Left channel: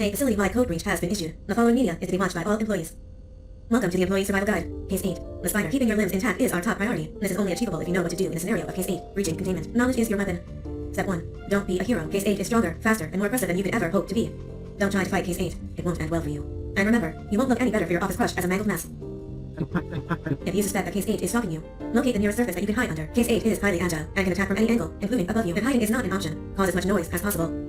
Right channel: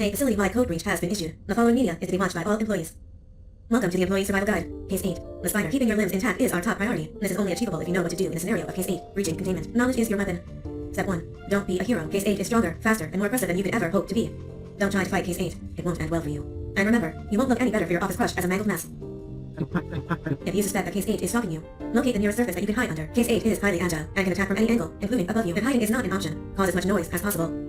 A facility-wide code breach has been issued. The following media is to be watched by all employees. Welcome to the Employee Survival Guide. Case 8. The spider. Keeping your limbs intact is our top priority. This is only achievable if you know what to do in a scenario of Case 8. Breaching containment. Knowledge is your weapon. Step 1. Don't be a hero. Case 8 is stronger, faster, and more impressive than you could ever hope to be. Don't try to fight Case 8. It won't end well for you. And remember, you won't look any better for your office crush as a mangled mess. If you suspect that Case 8 is stalking you, locate the nearest surface that you can hide under. Case 8 is highly agile and can attack from any angle, including above you. If hiding is not an option, cause as much noise as possible.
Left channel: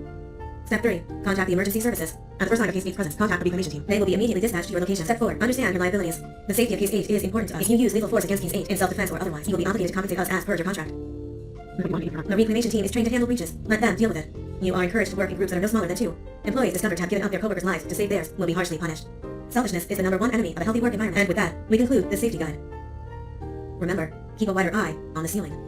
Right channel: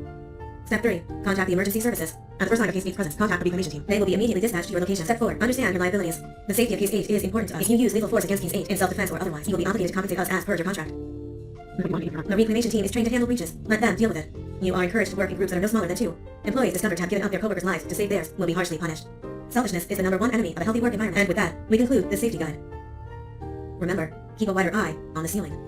Step 3. Contact the emergency services. At the first sign of Case 8's presence, contact the reclamation team. They will be immediately dispatched to your location. Step 4. Understand your liabilities. The safety of Case 8 is important to us. If you use lethal force against Case 8 in self-defense or otherwise, you will be obligated to compensate us as per your contract. The reclamation team is trained to handle breaches. Let them deal with it. You are encouraged to work in groups that are no smaller than 2. Employees discovered to have given up their coworkers' lives to save theirs will be harshly punished. Selfishness is the #1 enemy of a healthy work environment. And with that, we conclude this safety guide. Remember, keep a wider eye on the ceiling.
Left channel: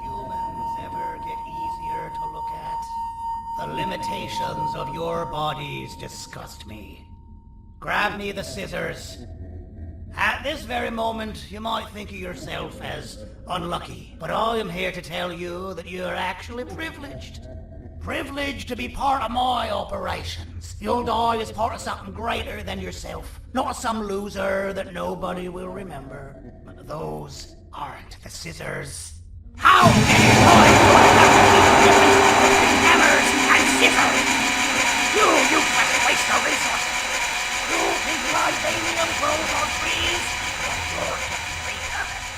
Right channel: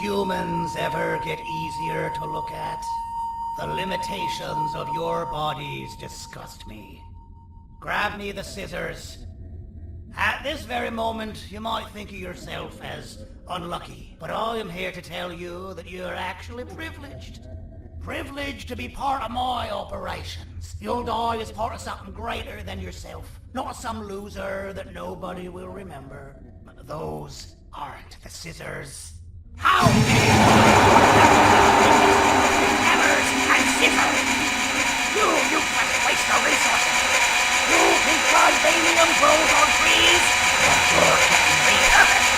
humans ever get easier to look at? The limitations of your bodies disgust me. Grab me the scissors. At this very moment, you might think of yourself as unlucky, but I am here to tell you that you're actually privileged. Privileged to be part of my operations. You'll die as part of something greater than yourself, not some loser that nobody will remember. Those aren't the scissors. How many times do I have to keep different between hammers and scissors? You useless waste of resources! You think vibranium grows on trees? But you're getting repurposed.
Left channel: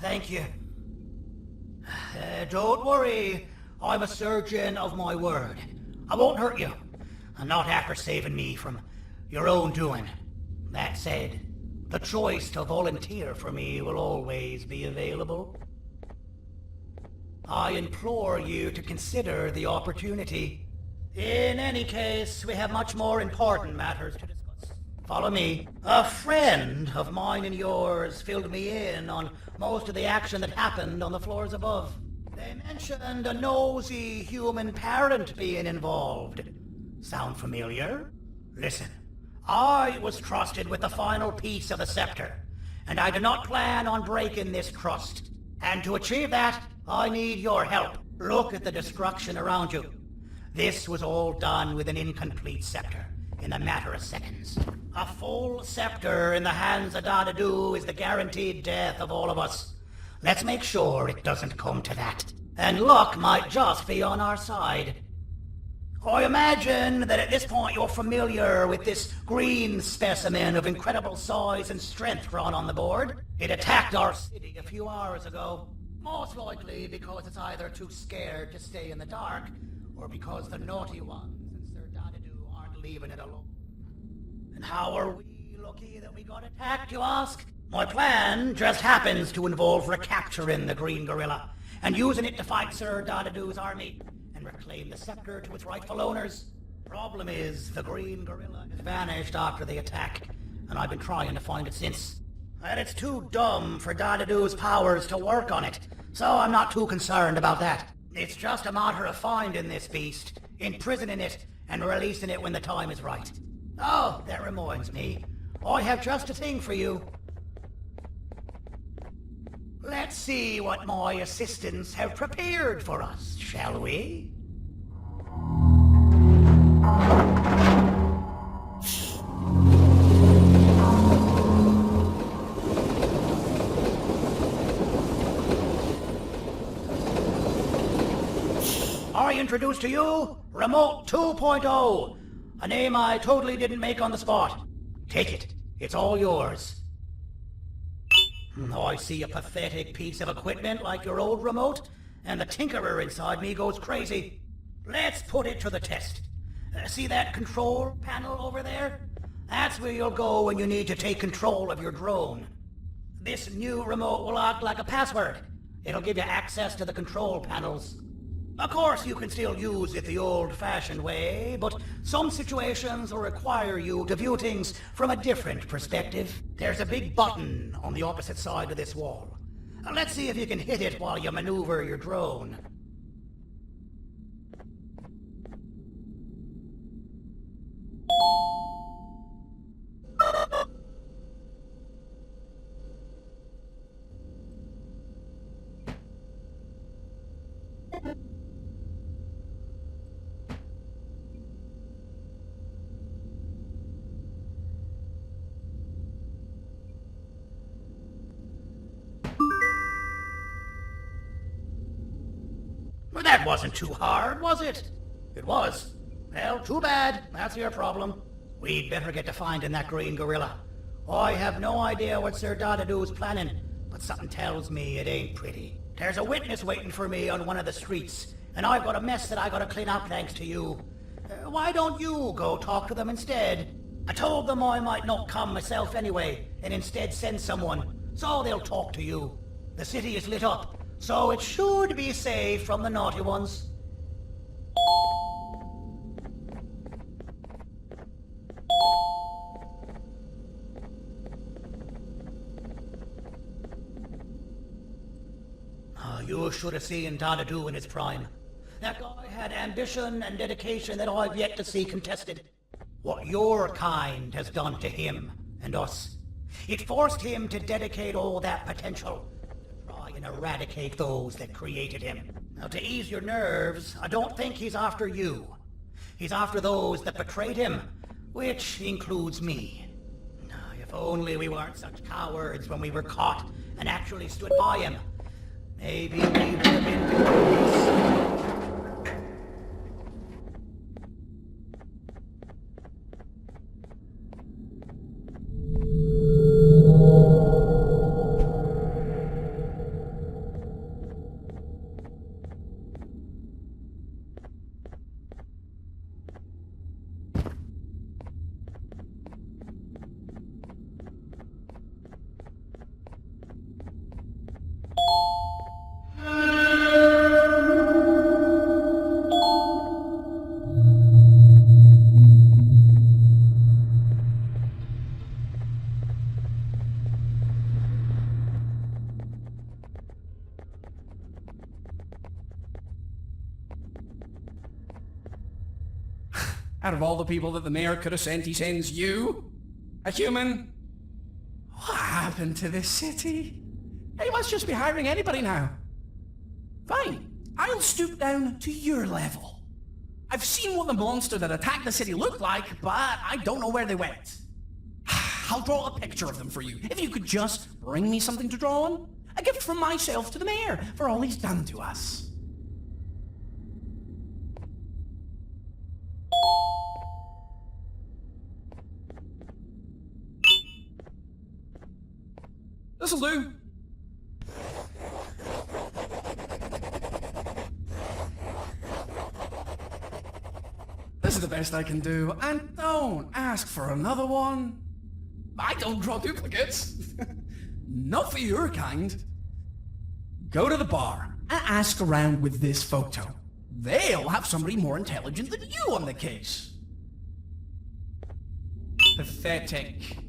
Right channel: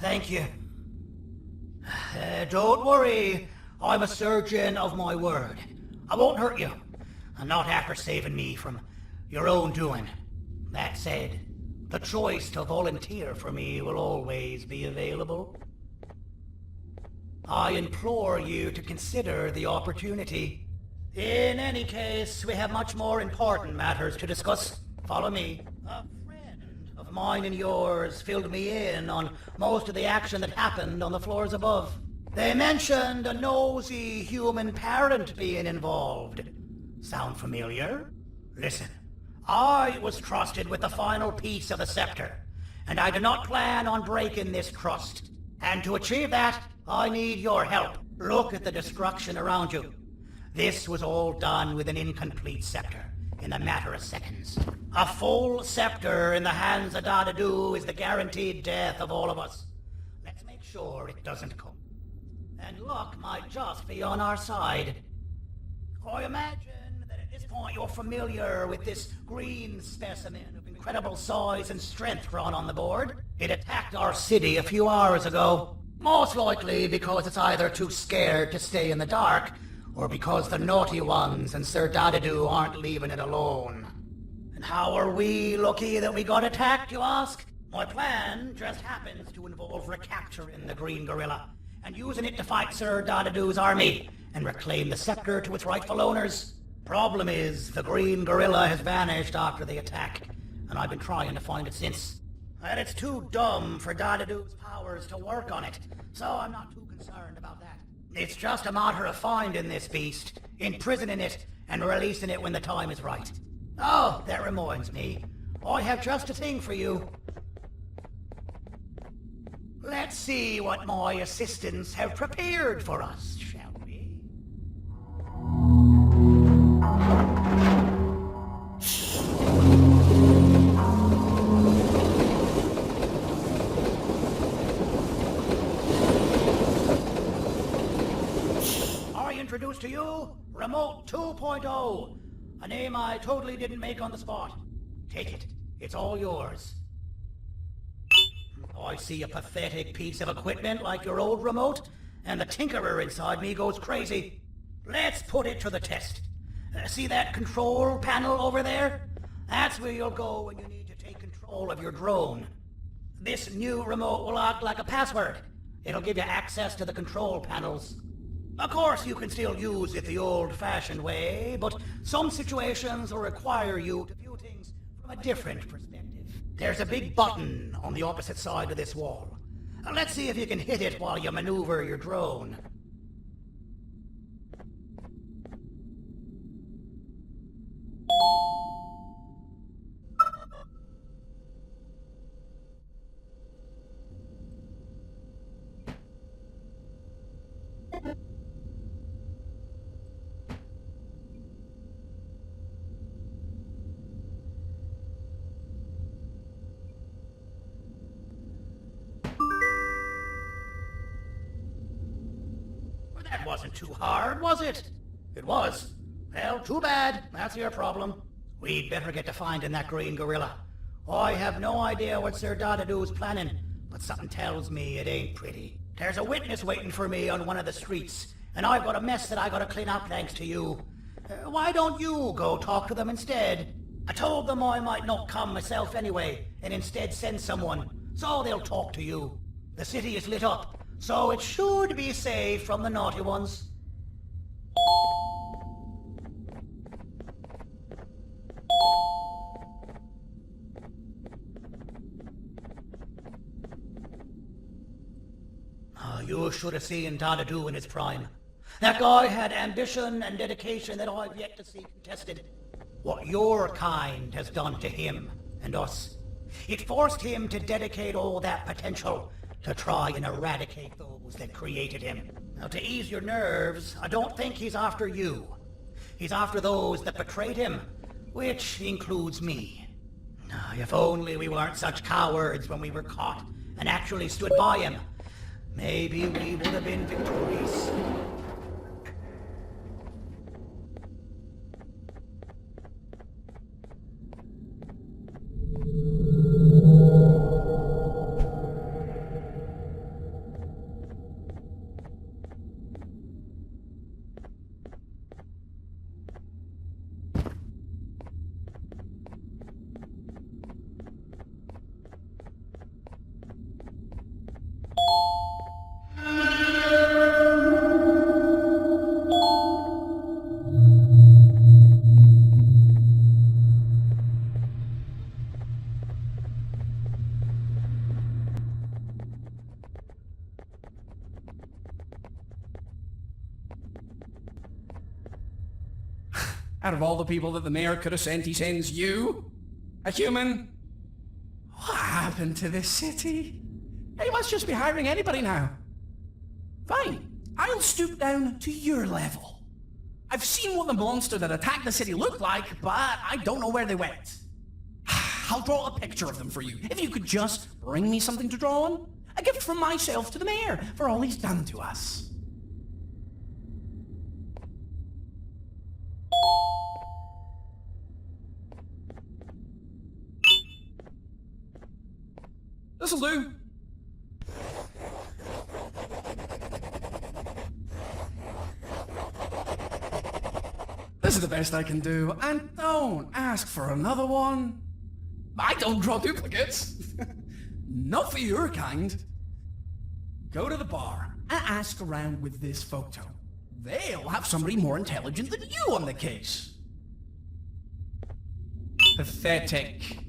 Thank you. Don't worry. I'm a surgeon of my word. I won't hurt you. And not after saving me from your own doing. That said, the choice to volunteer for me will always be available. I implore you to consider the opportunity. In any case, we have much more important matters to discuss. Follow me. A friend of mine and yours filled me in on most of the action that happened on the floors above. They mentioned a nosy human parent being involved. Sound familiar? Listen, I was trusted with the final piece of the scepter, and I do not plan on breaking this trust. And to achieve that, I need your help. Look at the destruction around you. This was all done with an incomplete scepter, in a matter of seconds. A full scepter in the hands of Dadadu is the guaranteed death of all of us. Let's make sure it doesn't come to that. And luck might just be on our side. I imagine that at this point you're familiar with this green specimen of incredible size and strength drawn on the board. It attacked our city a few hours ago. Most likely because it's either too scared to stay in the dark, or because the naughty ones and Sir Dadadoo aren't leaving it alone. And how are we lucky that we got attacked, you ask? My plan just happens to involve recapturing the green gorilla, and using it to fight Sir Dadadoo's army, and reclaim the scepter to its rightful owners. Problem is, the green gorilla has vanished after the attack, and I've been trying to find it since. And it's too dumb for Dadadoo's powers to work on it, so I'm not too concerned about that. It's just a matter of finding this beast, imprisoning it, and releasing it when the time is right. Oh, that reminds me. I have just a thing for you. Let's see what my assistants have prepared for us, shall we? I introduce to you Remote 2.0, a name I totally didn't make on the spot. Take it. It's all yours. I see a pathetic piece of equipment like your old remote, and the tinkerer inside me goes crazy. Let's put it to the test. See that control panel over there? That's where you'll go when you need to take control of your drone. This new remote will act like a password. It'll give you access to the control panels. Of course, you can still use it the old-fashioned way, but some situations will require you to view things from a different perspective. There's a big button on the opposite side of this wall. Let's see if you can hit it while you maneuver your drone. Well, that wasn't too hard, was it? It was. Well, too bad. That's your problem. We'd better get to finding that green gorilla. I have no idea what Sir Dadadoo's planning, but something tells me it ain't pretty. There's a witness waiting for me on one of the streets, and I've got a mess that I gotta clean up thanks to you. Why don't you go talk to them instead? I told them I might not come myself anyway, and instead send someone, so they'll talk to you. The city is lit up, so it should be safe from the naughty ones. You should have seen Dadadoo in his prime. That guy had ambition and dedication that I've yet to see contested. What your kind has done to him and us. It forced him to dedicate all that potential to try and eradicate those that created him. Now, to ease your nerves, I don't think he's after you. He's after those that betrayed him, which includes me. If only we weren't such cowards when we were caught and actually stood by him. Maybe we would have been victorious. Out of all the people that the mayor could have sent, he sends you? A human? What happened to this city? He must just be hiring anybody now. Fine, I'll stoop down to your level. I've seen what the monster that attacked the city looked like, but I don't know where they went. I'll draw a picture of them for you, if you could just bring me something to draw on. A gift from myself to the mayor for all he's done to us. This'll do. This is the best I can do, and don't ask for another one. I don't draw duplicates. Not for your kind. Go to the bar and ask around with this photo. They'll have somebody more intelligent than you on the case. Pathetic.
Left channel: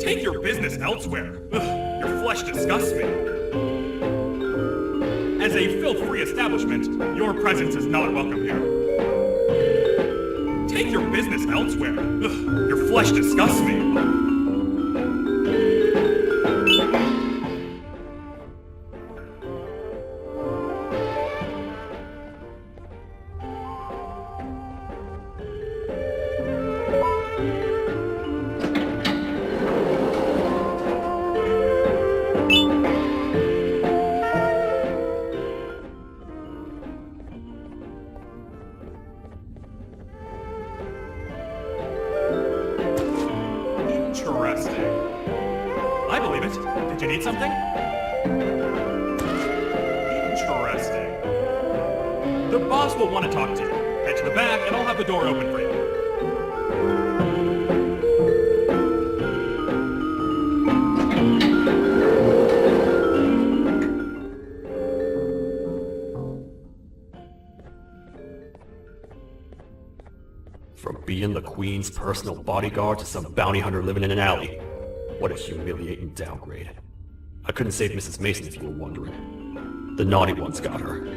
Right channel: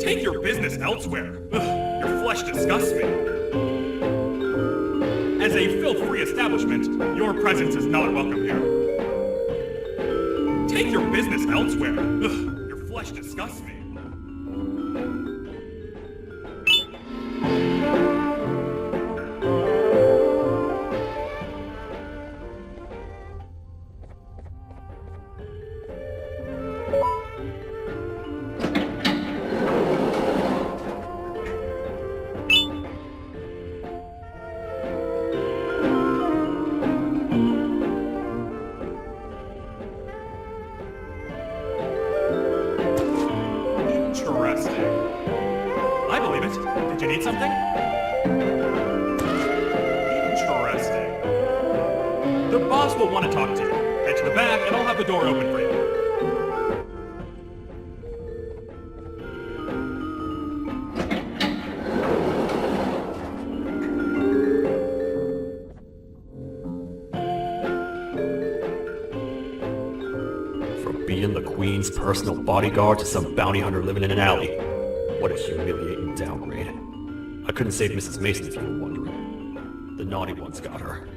Take your business elsewhere. Ugh, your flesh disgusts me. As a filth-free establishment, your presence is not welcome here. Take your business elsewhere. Ugh, your flesh disgusts me. Interesting. I believe it. Did you need something? Interesting. The boss will want to talk to you. Head to the back and I'll have the door open for you. From being the Queen's personal bodyguard to some bounty hunter living in an alley. What a humiliating downgrade. I couldn't save Mrs. Mason if you were wondering. The naughty ones got her.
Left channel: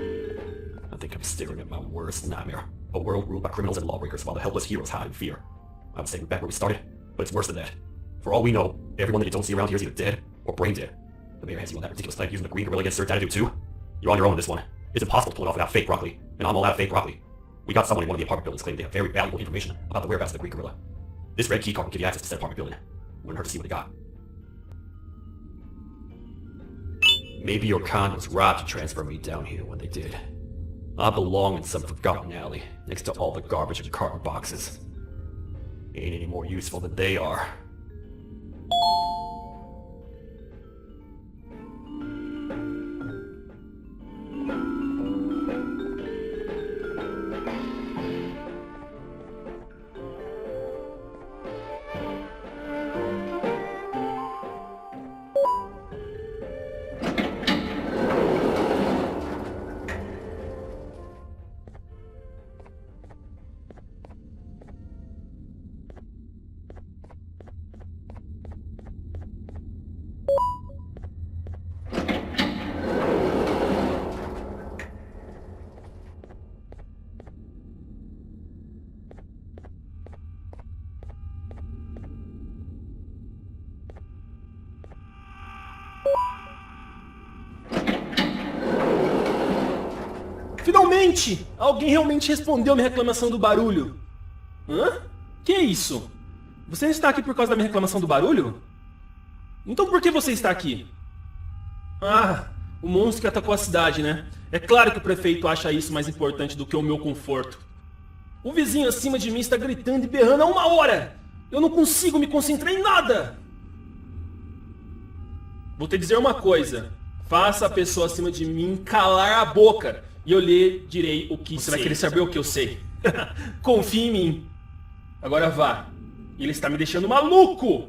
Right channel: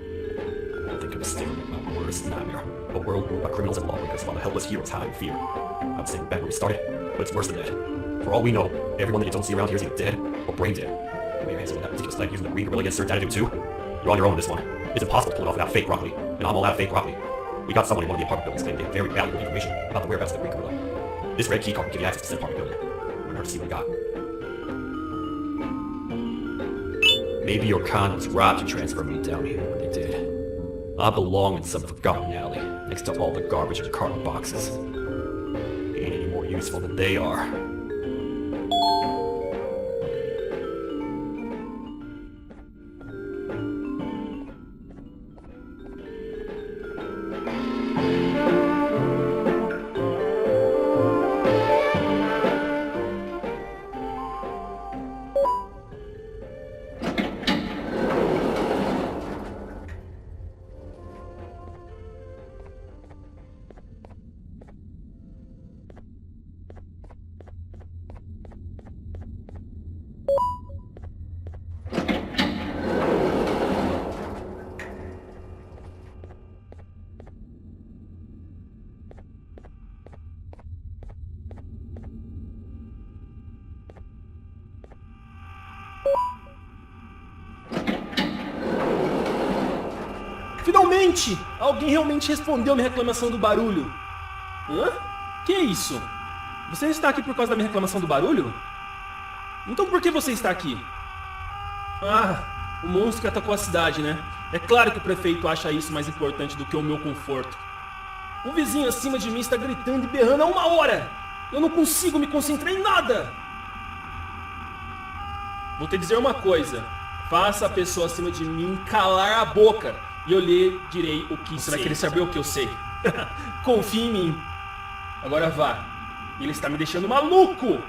I think I'm staring at my worst nightmare. A world ruled by criminals and lawbreakers while the helpless heroes hide in fear. I was saying back where we started, but it's worse than that. For all we know, everyone that you don't see around here is either dead or brain dead. The mayor has on that ridiculous night using the green gorilla against certain attitude too. You're on your own in this one. It's impossible to pull it off without fake broccoli, and I'm all out of fake broccoli. We got someone in one of the apartment buildings claiming they have very valuable information about the whereabouts of the Green Gorilla. This red key card will give you access to said apartment building. Wouldn't hurt to see what he got. Maybe your con was right to transfer me down here when they did. I belong in some forgotten alley, next to all the garbage and carton boxes. Ain't any more useful than they are. Gente! Alguém realmente respondeu minha reclamação do barulho. Hã? Que é isso? Você está aqui por causa da minha reclamação do barulho? Então por que você está aqui? Ah, o monstro que atacou a cidade, né? É claro que o prefeito acha isso mais importante do que o meu conforto. O vizinho acima de mim está gritando e berrando há 1 hora! Eu não consigo me concentrar em nada! Vou te dizer uma coisa. Faça a pessoa acima de mim calar a boca e eu lhe direi o que você vai querer saber o que eu sei. Confie em mim. Agora vá. Ele está me deixando maluco!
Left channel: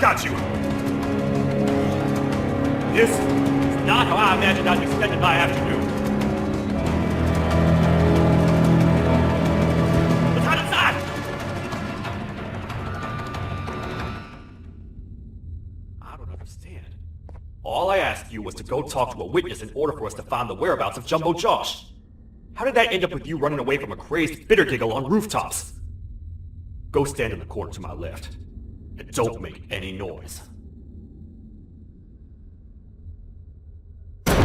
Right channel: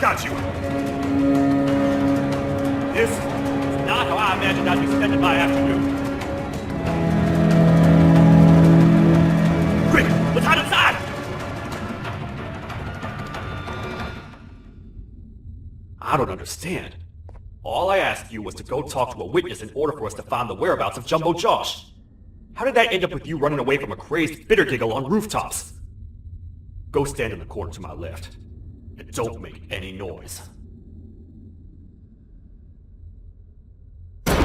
Got you! This is not how I imagined I'd be spending my afternoon. Quick, let's hide inside! I don't understand. All I asked you was to go talk to a witness in order for us to find the whereabouts of Jumbo Josh. How did that end up with you running away from a crazed bitter giggle on rooftops? Go stand in the corner to my left. And don't make any noise. Calm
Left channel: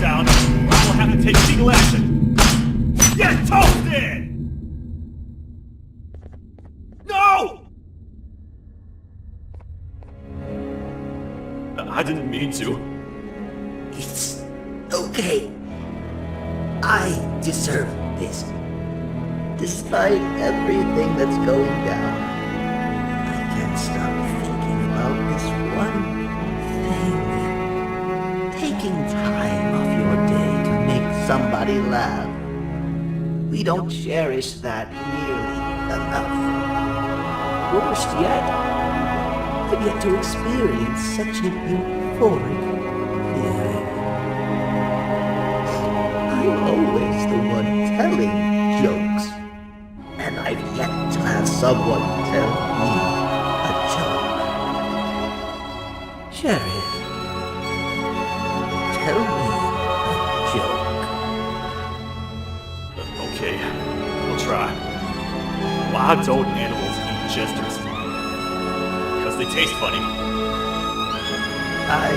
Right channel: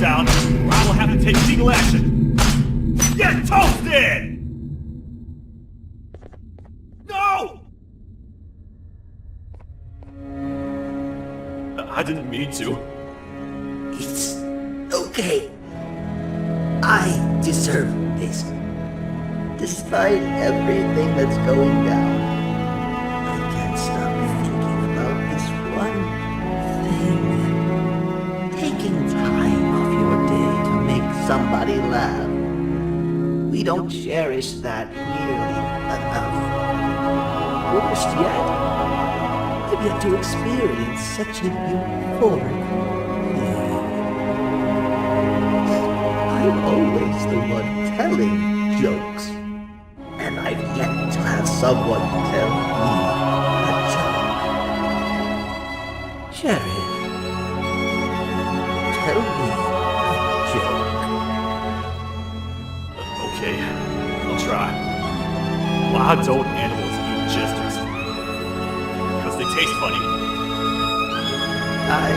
down, or I will have to take legal action. Get toasted! No! I didn't mean to. It's okay. I deserve this. Despite everything that's going down, I can't stop thinking about this one thing. Taking time off your day to make somebody laugh. We don't cherish that nearly enough. Worst yet, I've yet to experience such a euphoric feeling. I'm always the one telling jokes. And I've yet to have someone tell me a joke. Sheriff, tell me a joke. Okay, I'll try. Why don't animals eat jesters? Because they taste funny. I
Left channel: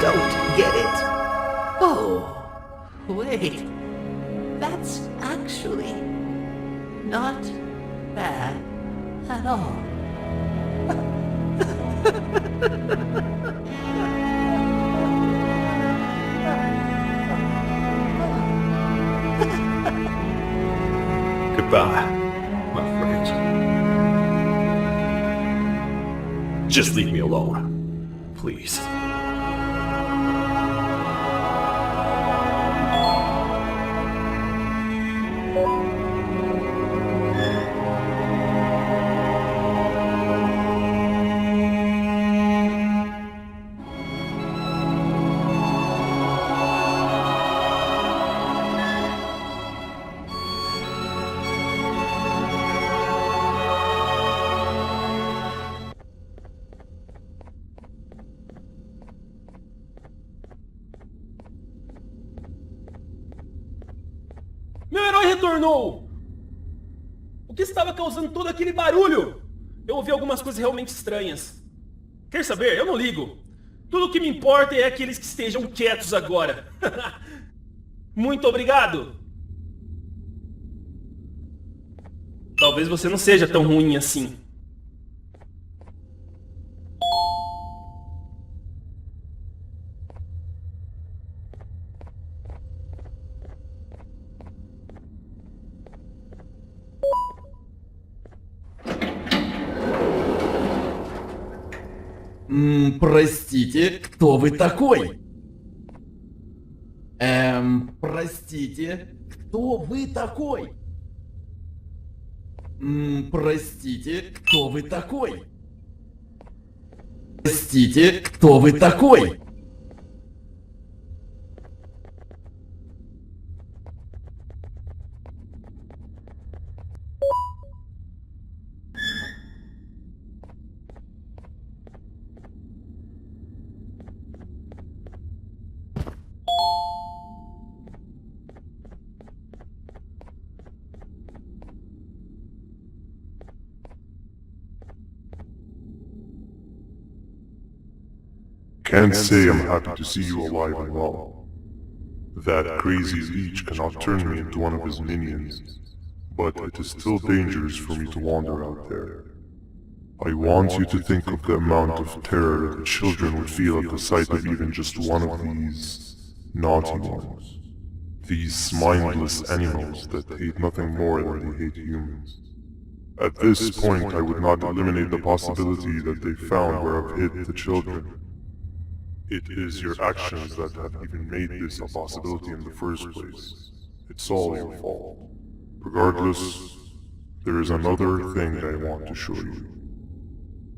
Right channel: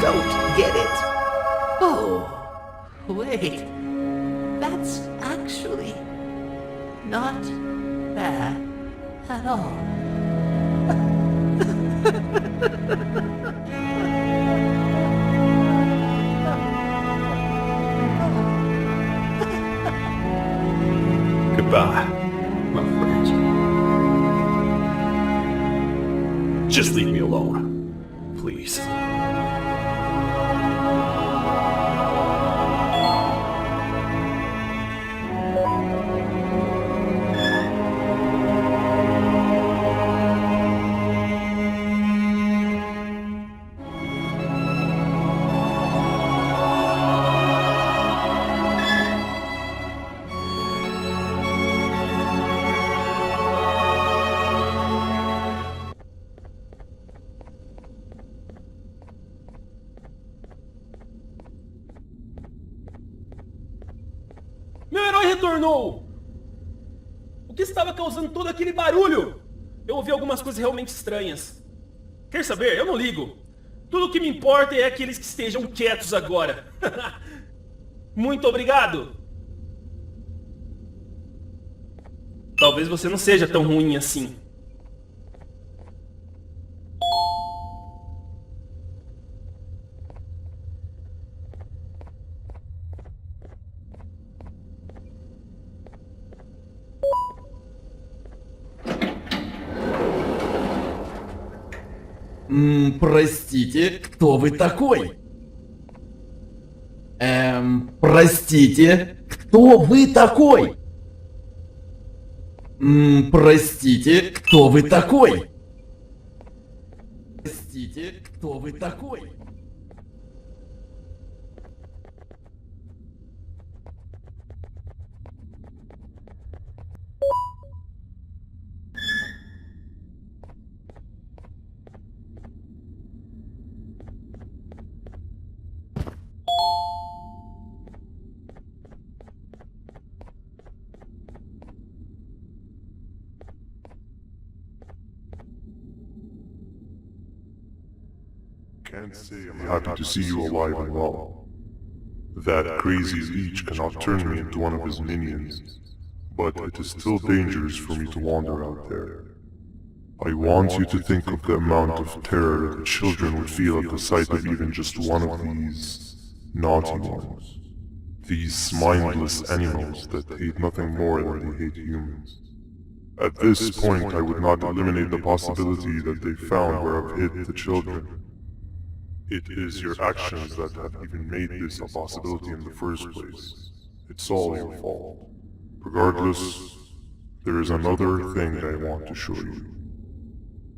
don't get it. Oh, wait. That's actually not bad at all. Goodbye, my friends. Just leave me alone, please. tornou? O que estava causando todo aquele barulho? Eu ouvi algumas coisas realmente estranhas. Quer saber? Eu não ligo. Tudo o que me importa é aqueles que estejam quietos agora. Muito obrigado. Talvez você não seja tão ruim assim. Простите, кто вы такой? Простите, кто вы такой? Простите, кто вы такой? Простите, кто вы такой? Can't say I'm happy to see you alive and well. That crazy leech cannot turn me into one of his minions, but it is still dangerous for me to wander out there. I want you to think of the amount of terror that children would feel at the sight of even just one of these naughty ones. These mindless animals that hate nothing more than they hate humans. At this point, I would not eliminate the possibility that they found where I've hid the children. It is your actions that have even made this a possibility in the first place. It's all your fault. Regardless, there is another thing I want to show you.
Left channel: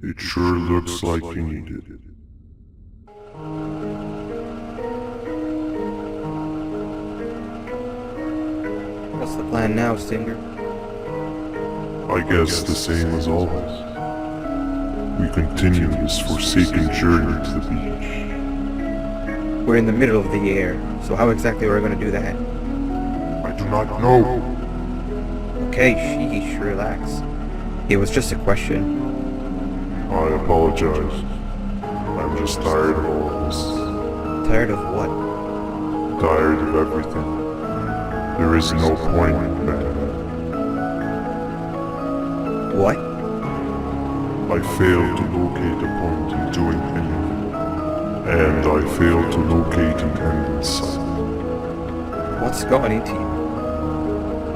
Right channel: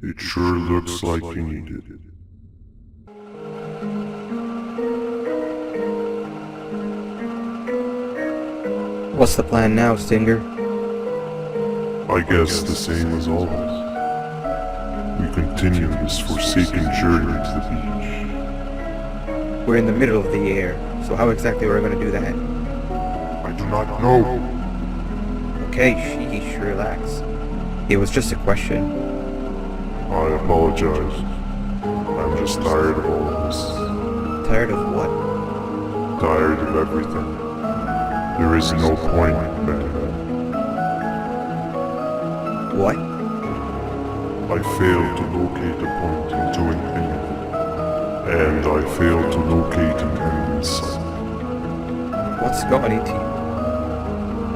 It sure looks like you need it. What's the plan now, Stinger? I guess the same as always. We continue this forsaken journey to the beach. We're in the middle of the air, so how exactly are we going to do that? I do not know. Okay, sheesh, relax. It was just a question. I apologize. I'm just tired of all of this. Tired of what? Tired of everything. There is no point, man. What? I failed to locate a point in doing anything. And I failed to locate an end in sight. What's going into you?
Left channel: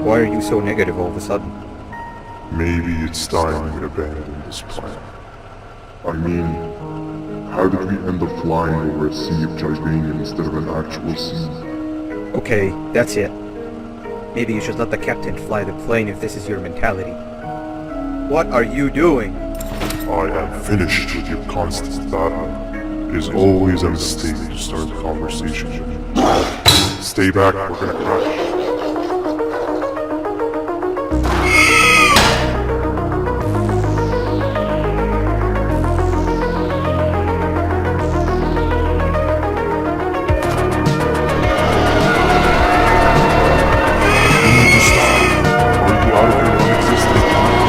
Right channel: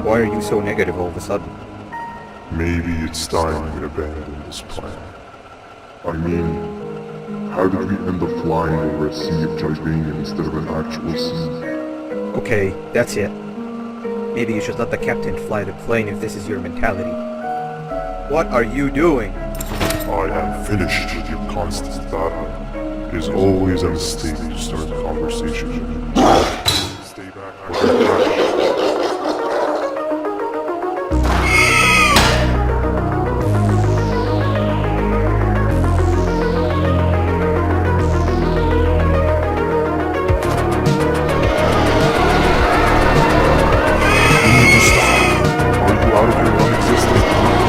Why are you so negative all of a sudden? Maybe it's time we abandon this plan. I mean, how did we end up flying over a sea of Jibanium instead of an actual sea? Okay, that's it. Maybe you should let the captain fly the plane if this is your mentality. What are you doing? I am finished with your constant battle. It is always a mistake to start a conversation. Stay back, we're gonna crash. You need to stop. Are you out of your non-existent mind?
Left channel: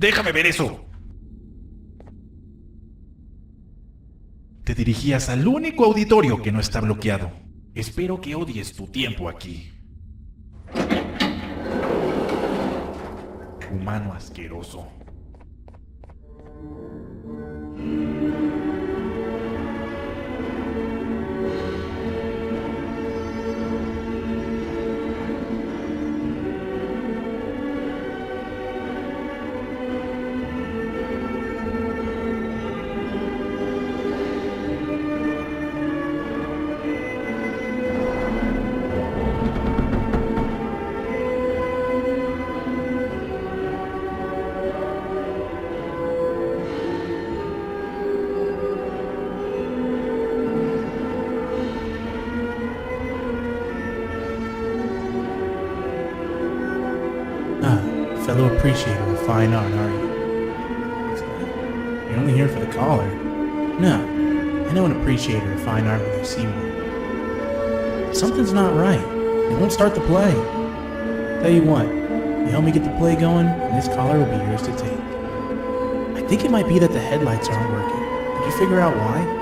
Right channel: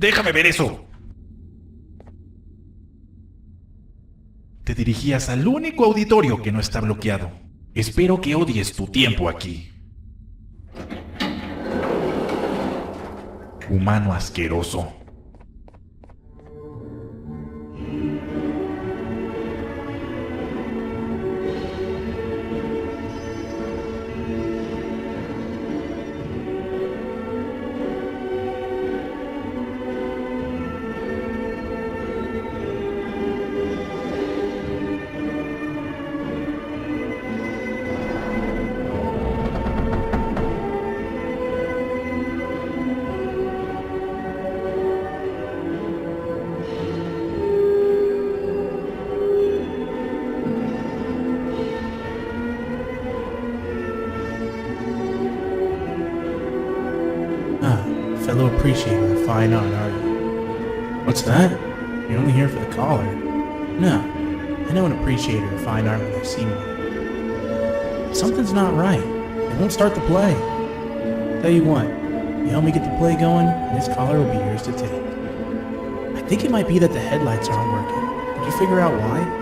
¡Déjame ver eso! Te dirigías al único auditorio que no está bloqueado. Espero que odies tu tiempo aquí. Humano asqueroso. fellow appreciator of fine art, are you? What's that? You're only here for the collar. No, I know an appreciator of fine art when I see one. Something's not right. They won't start the play. Tell you what, you help me get the play going, and this collar will be yours to take. I think it might be that the headlights aren't working. Did you figure out why?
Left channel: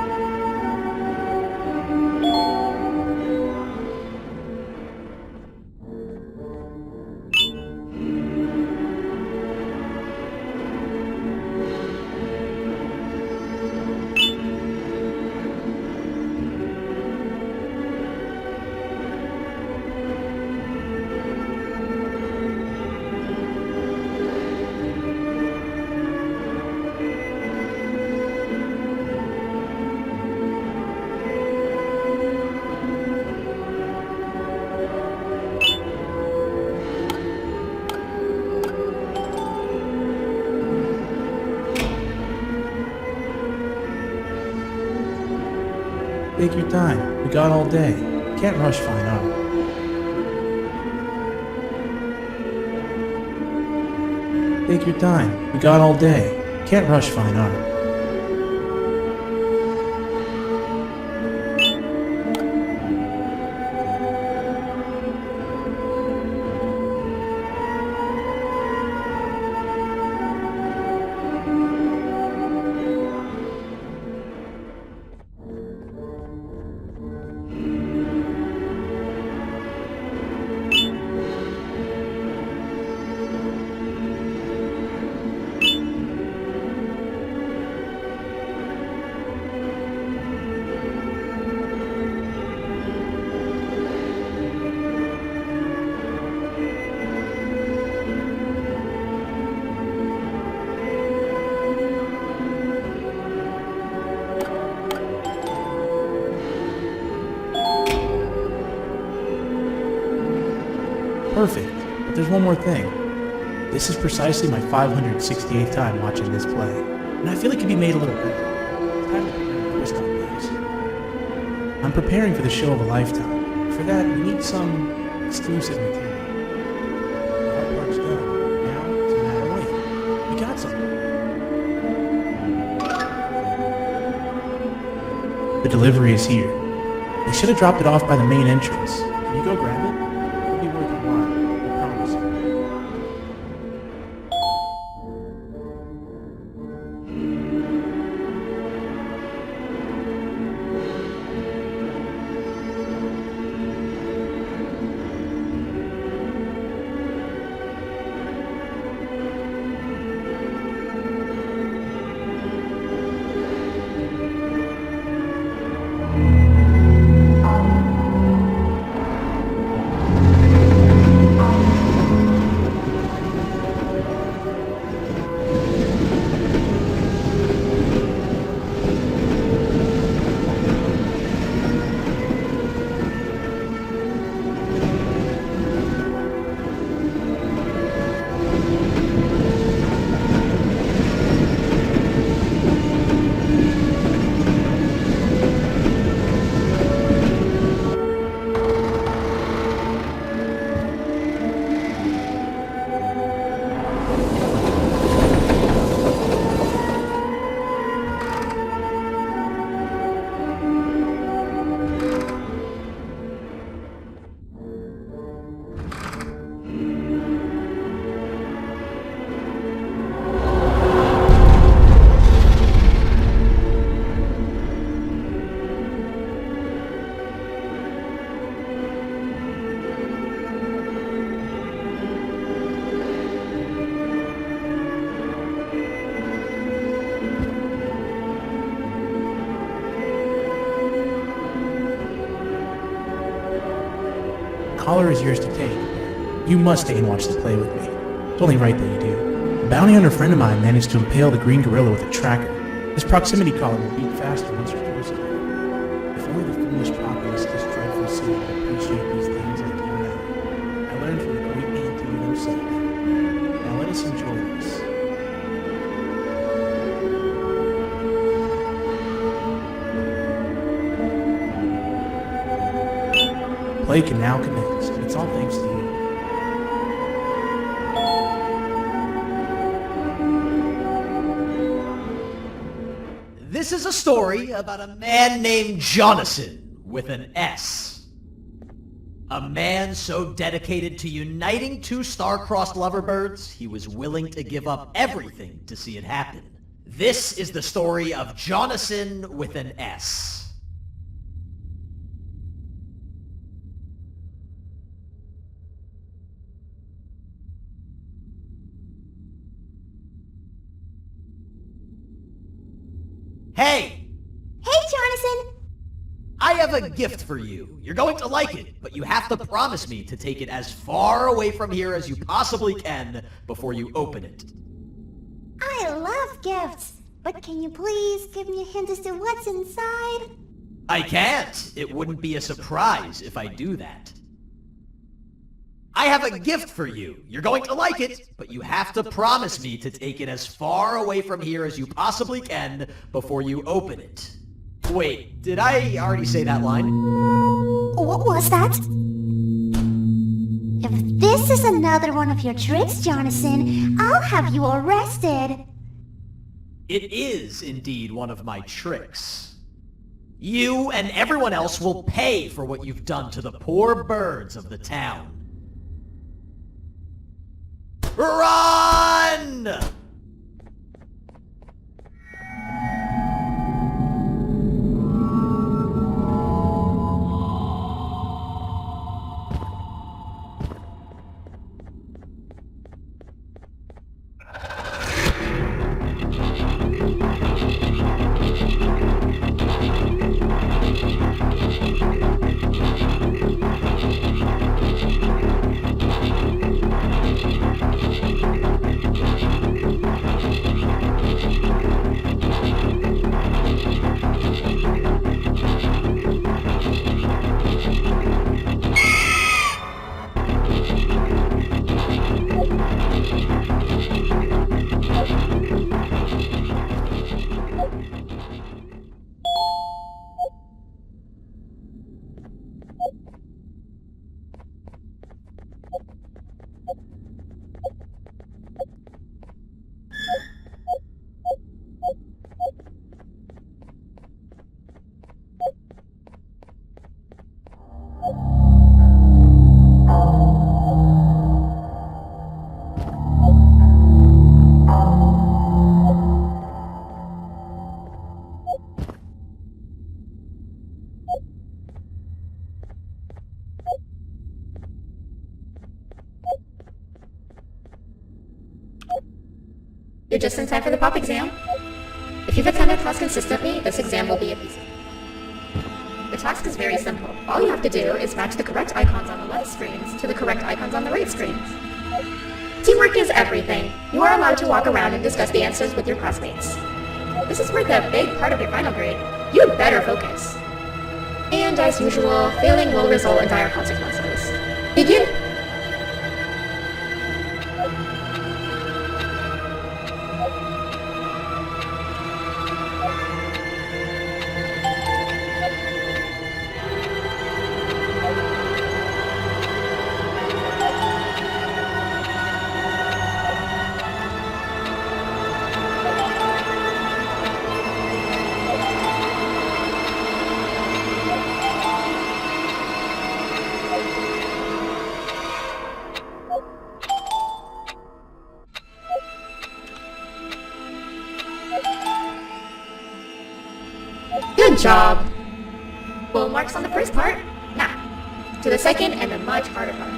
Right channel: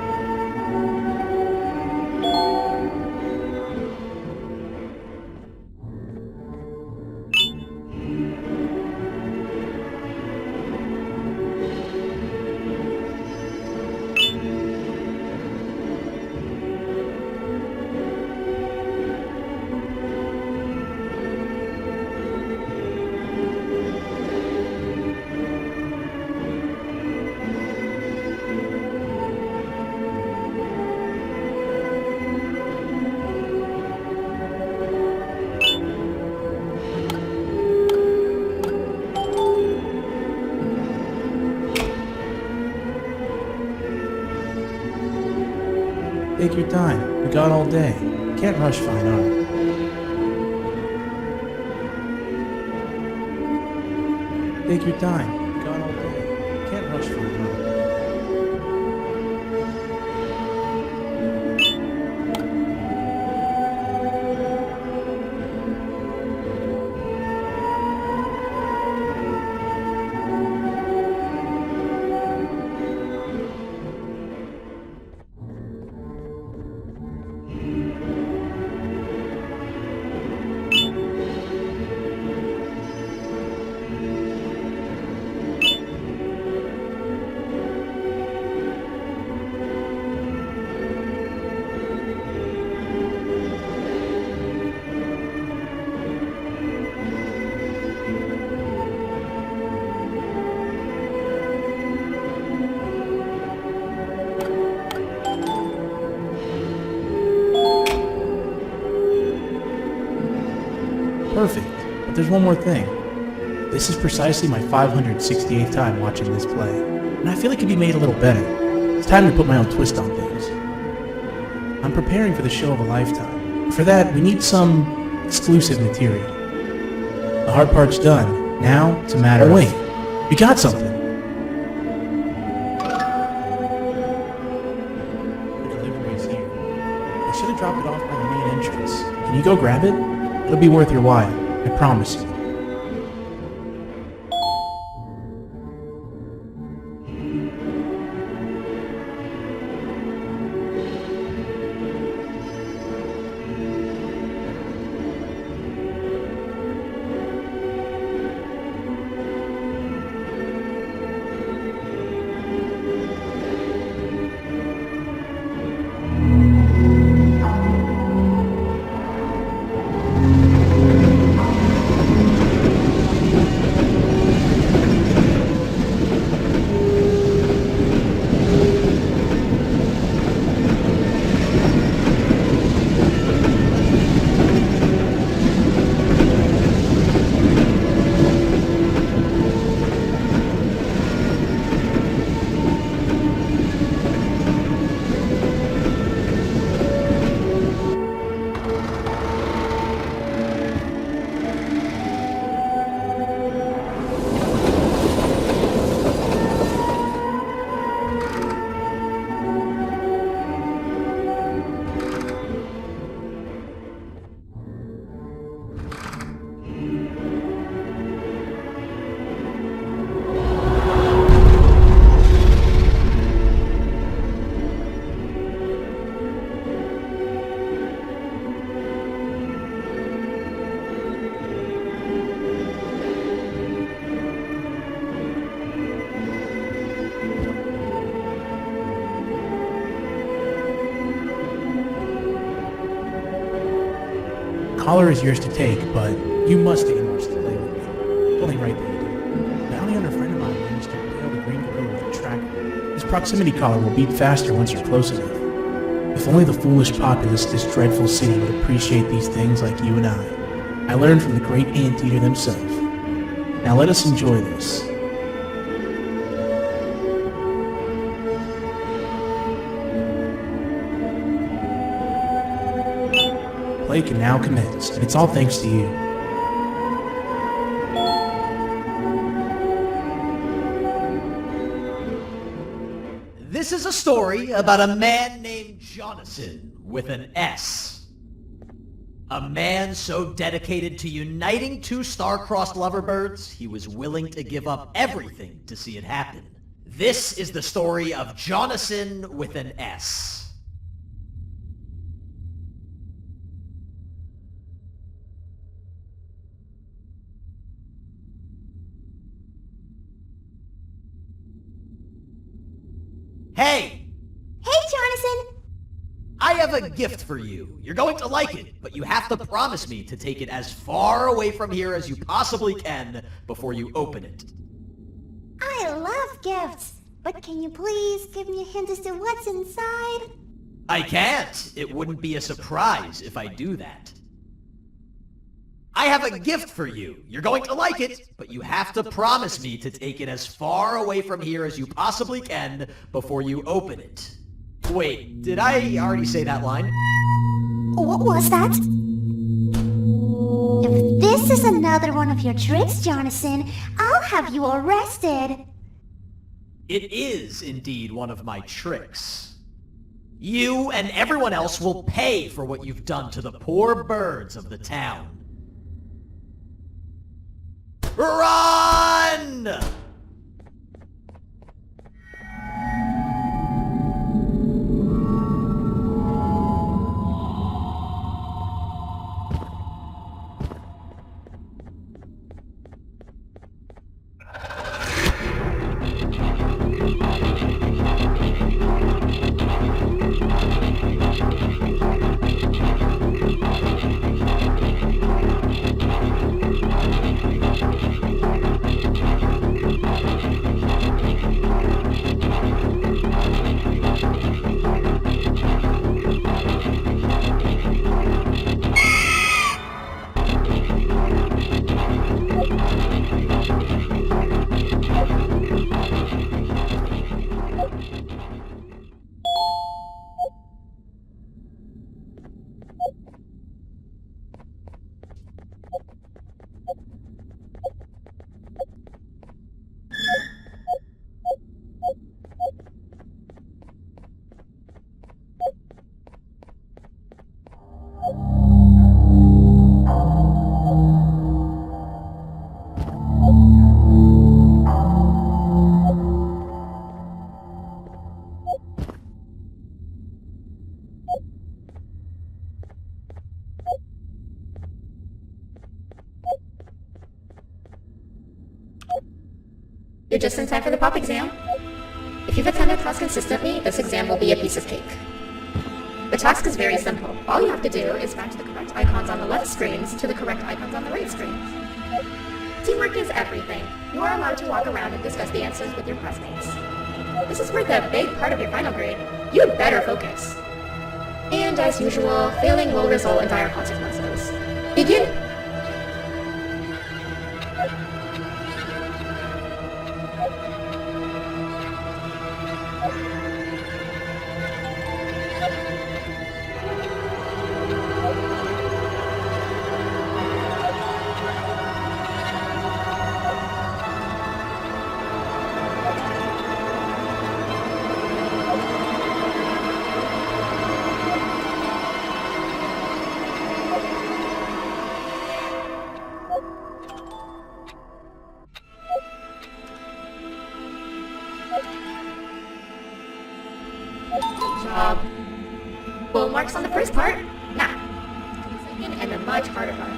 Take your time. We got all day. Can't rush fine art. Take your time. We got all day. Can't rush fine art. Perfect, but there's one more thing. This is precisely my 568th time watching this play, and I feel it could be made a little better. It's time to put my own twist on things. I'm preparing for the show of a lifetime. For that, we need some exclusive material. The hard part's done. Now, it's a matter of... Oh wait, we got something. The delivery is here. They should have dropped it off by the main entrance. Can you go grab it? It'll be worth your while, I promise you. Collar is yours to take, but you must stay and watch the play with me. It's only right that you do. A bounty hunter friend of mine managed to impale the green gorilla with a tracker. This proximity collar will beep faster once you're close enough. If only the foolish populace of this dreadful city would appreciate these things like you and I. I learned from the great anteater themselves. Now let us enjoy this. Play can now commence, and it's all thanks to you. This is a story about a man named Jonathan with an S. A man so dedicated to uniting two star-crossed loverbirds, he was willing to give up everything to see it happen. This is the story of Jonathan with an S. Hey! Hey, Jonathan! I have a gift for you. You're going to like it, but you have to promise me to take it as far away from here as you possibly can before you open it. I love gifts, but can you please give me a hint as to what's inside? I can't. It wouldn't be a surprise if I do that. I have a gift for you. You're going to like it, but you have to promise me to take it as far away from here as you possibly can before you open it. Wait, did I already say that line? What was that? If this is another one of your tricks, Jonathan, I'll have you arrested. It is indeed one of my tricks. You and everyone else will pay for what you've done to the poor birds of the town. Run! You're just in time for the pop exam. If you've attended class consistently, this exam will be a piece of cake. The task is very simple. All you have to do is match the correct icons on the left screens to the correct icons on the right screens. Teamwork is everything. You are allowed to walk around and discuss the answers with your classmates. This is worth a big part of your final grade. You'd better focus. And as usual, failing will result in dire consequences. Begin! Good job. Full marks on the first part. Now, to the second and the much harder part.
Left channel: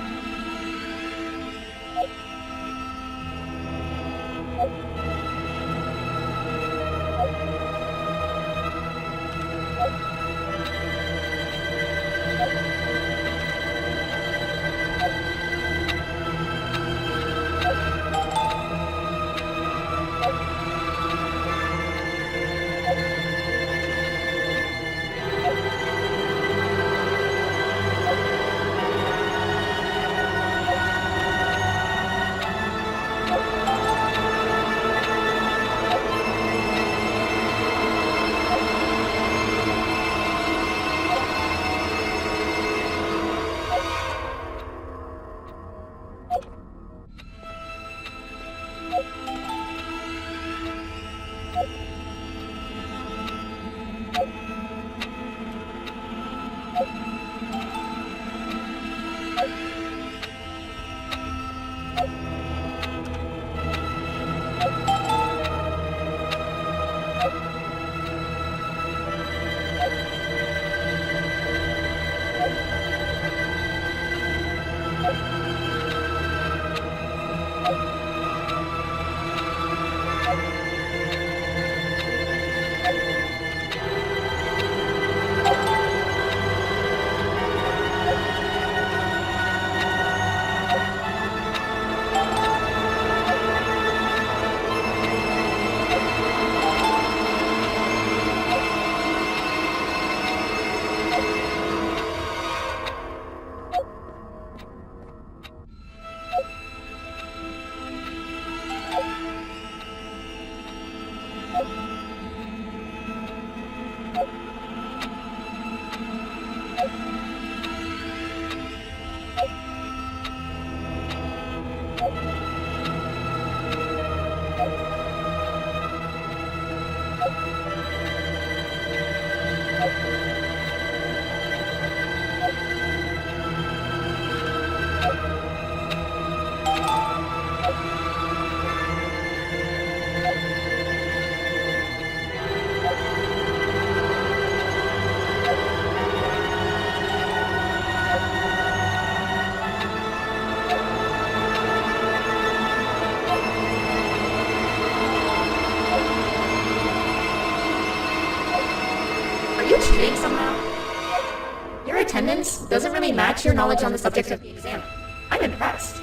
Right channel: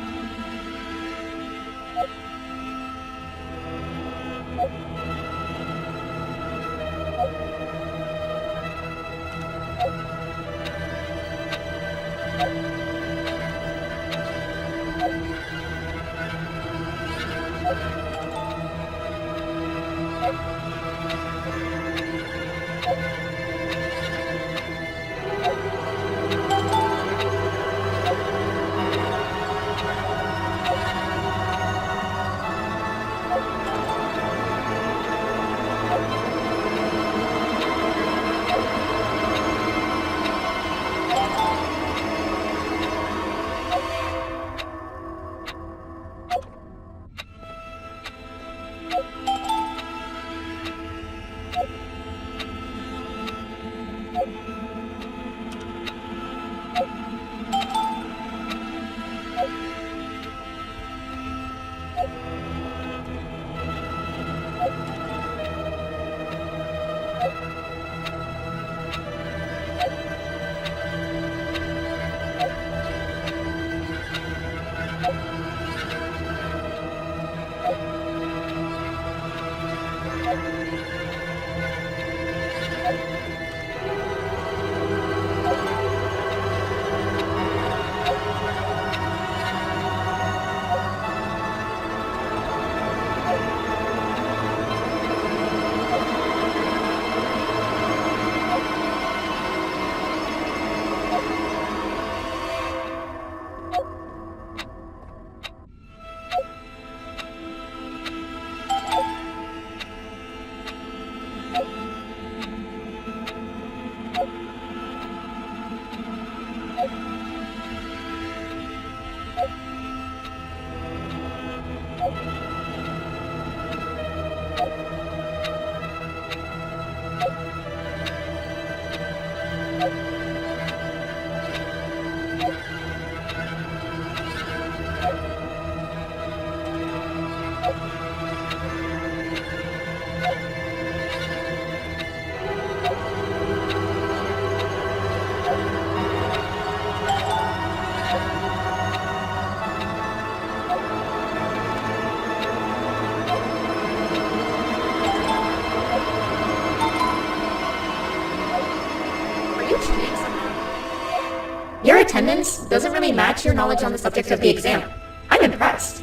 cheating somehow? Your attendance doesn't really match your knowledge on the subject of the exam. I'm impressed.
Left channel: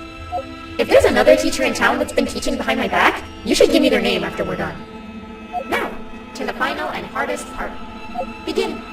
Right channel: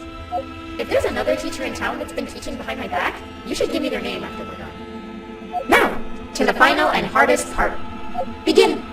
If there's another teacher in town that's been teaching behind my back, you should give me their name after we're done. Now, to the final and hardest part. Begin!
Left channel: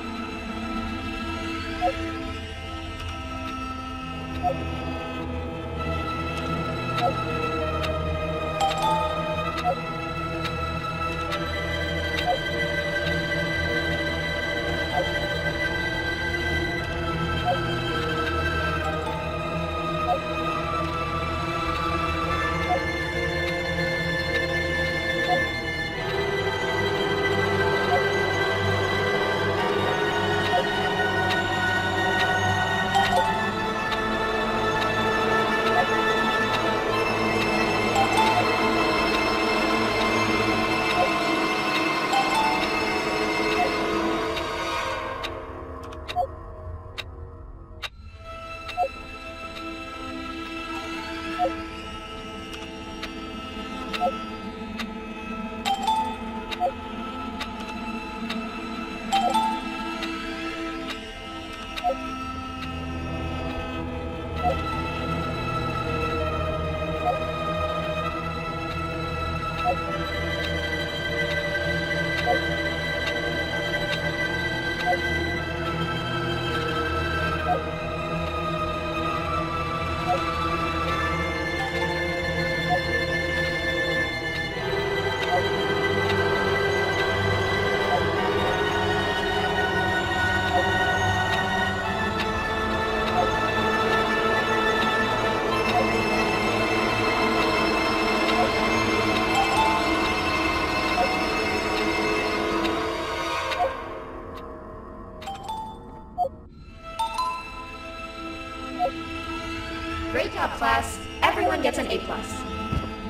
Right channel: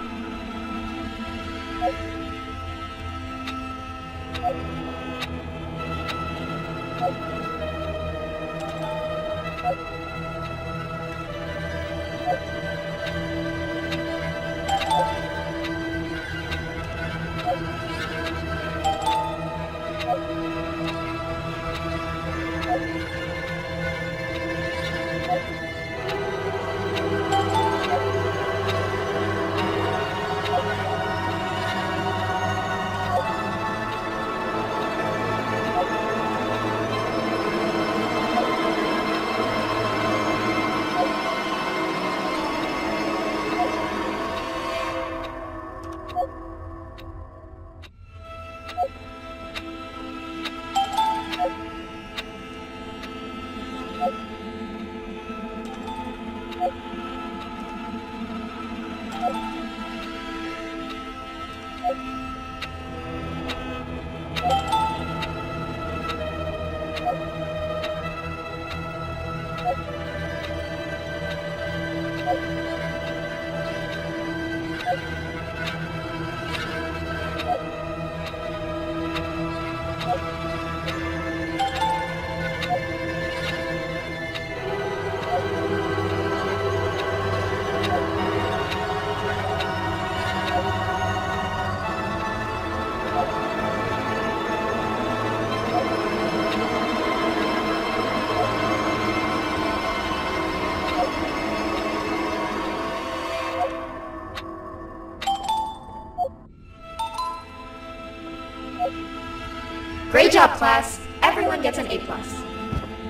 Great job, class. Everyone gets an A+.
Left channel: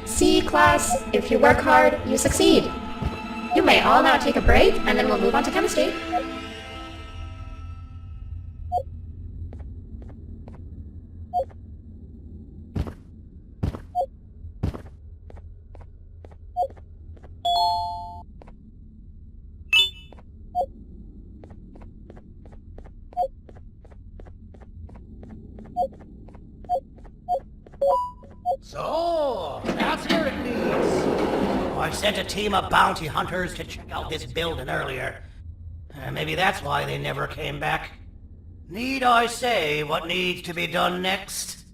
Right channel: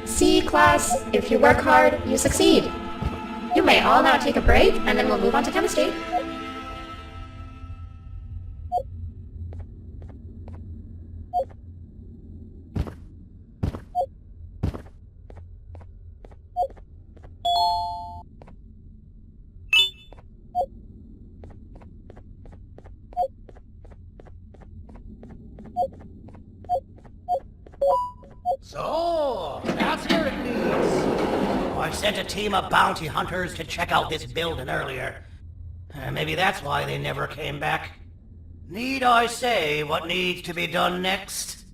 See, class, if you work hard, you succeed. You may all now take a break, and then we'll move on to chemistry. So, that's where it leads. I sent a team of bounty hunters to check out this building earlier. Maybe that's why they never came back. Need I say what needs to be done next?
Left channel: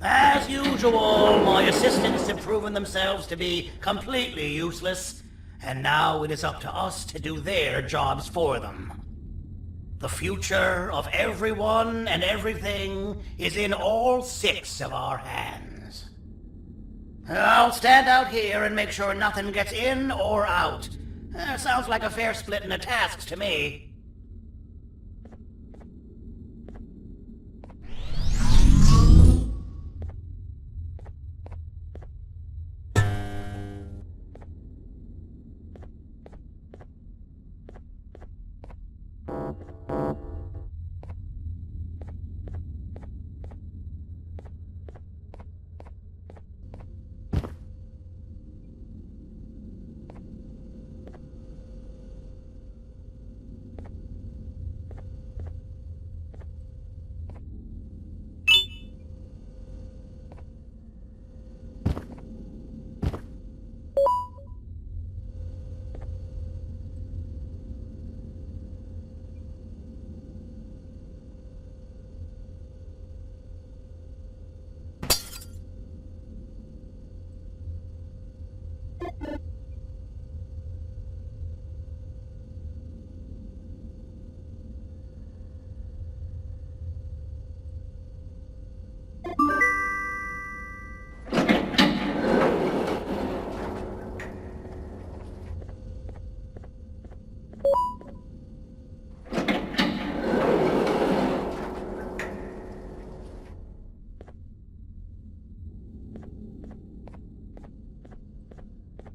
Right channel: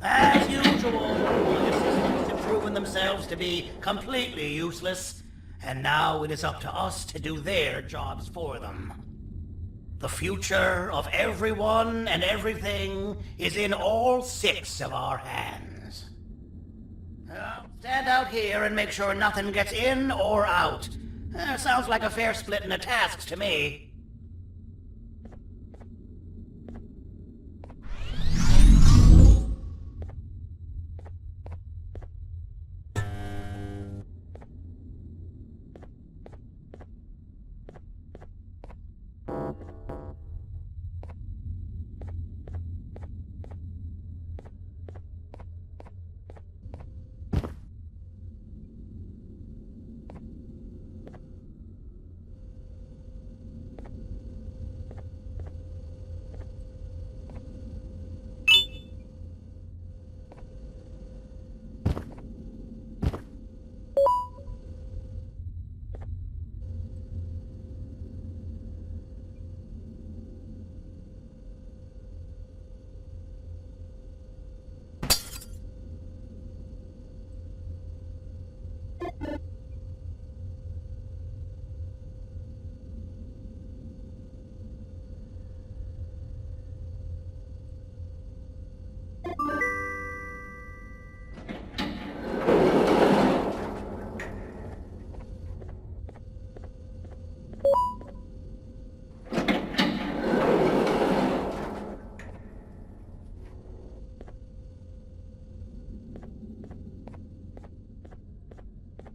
As usual, my assistants have proven themselves to be completely useless, and now it is up to us to do their jobs for them. The future of everyone and everything is in all 6 of our hands. I'll stand out here and make sure nothing gets in or out. Sounds like a fair splitting of tasks to me.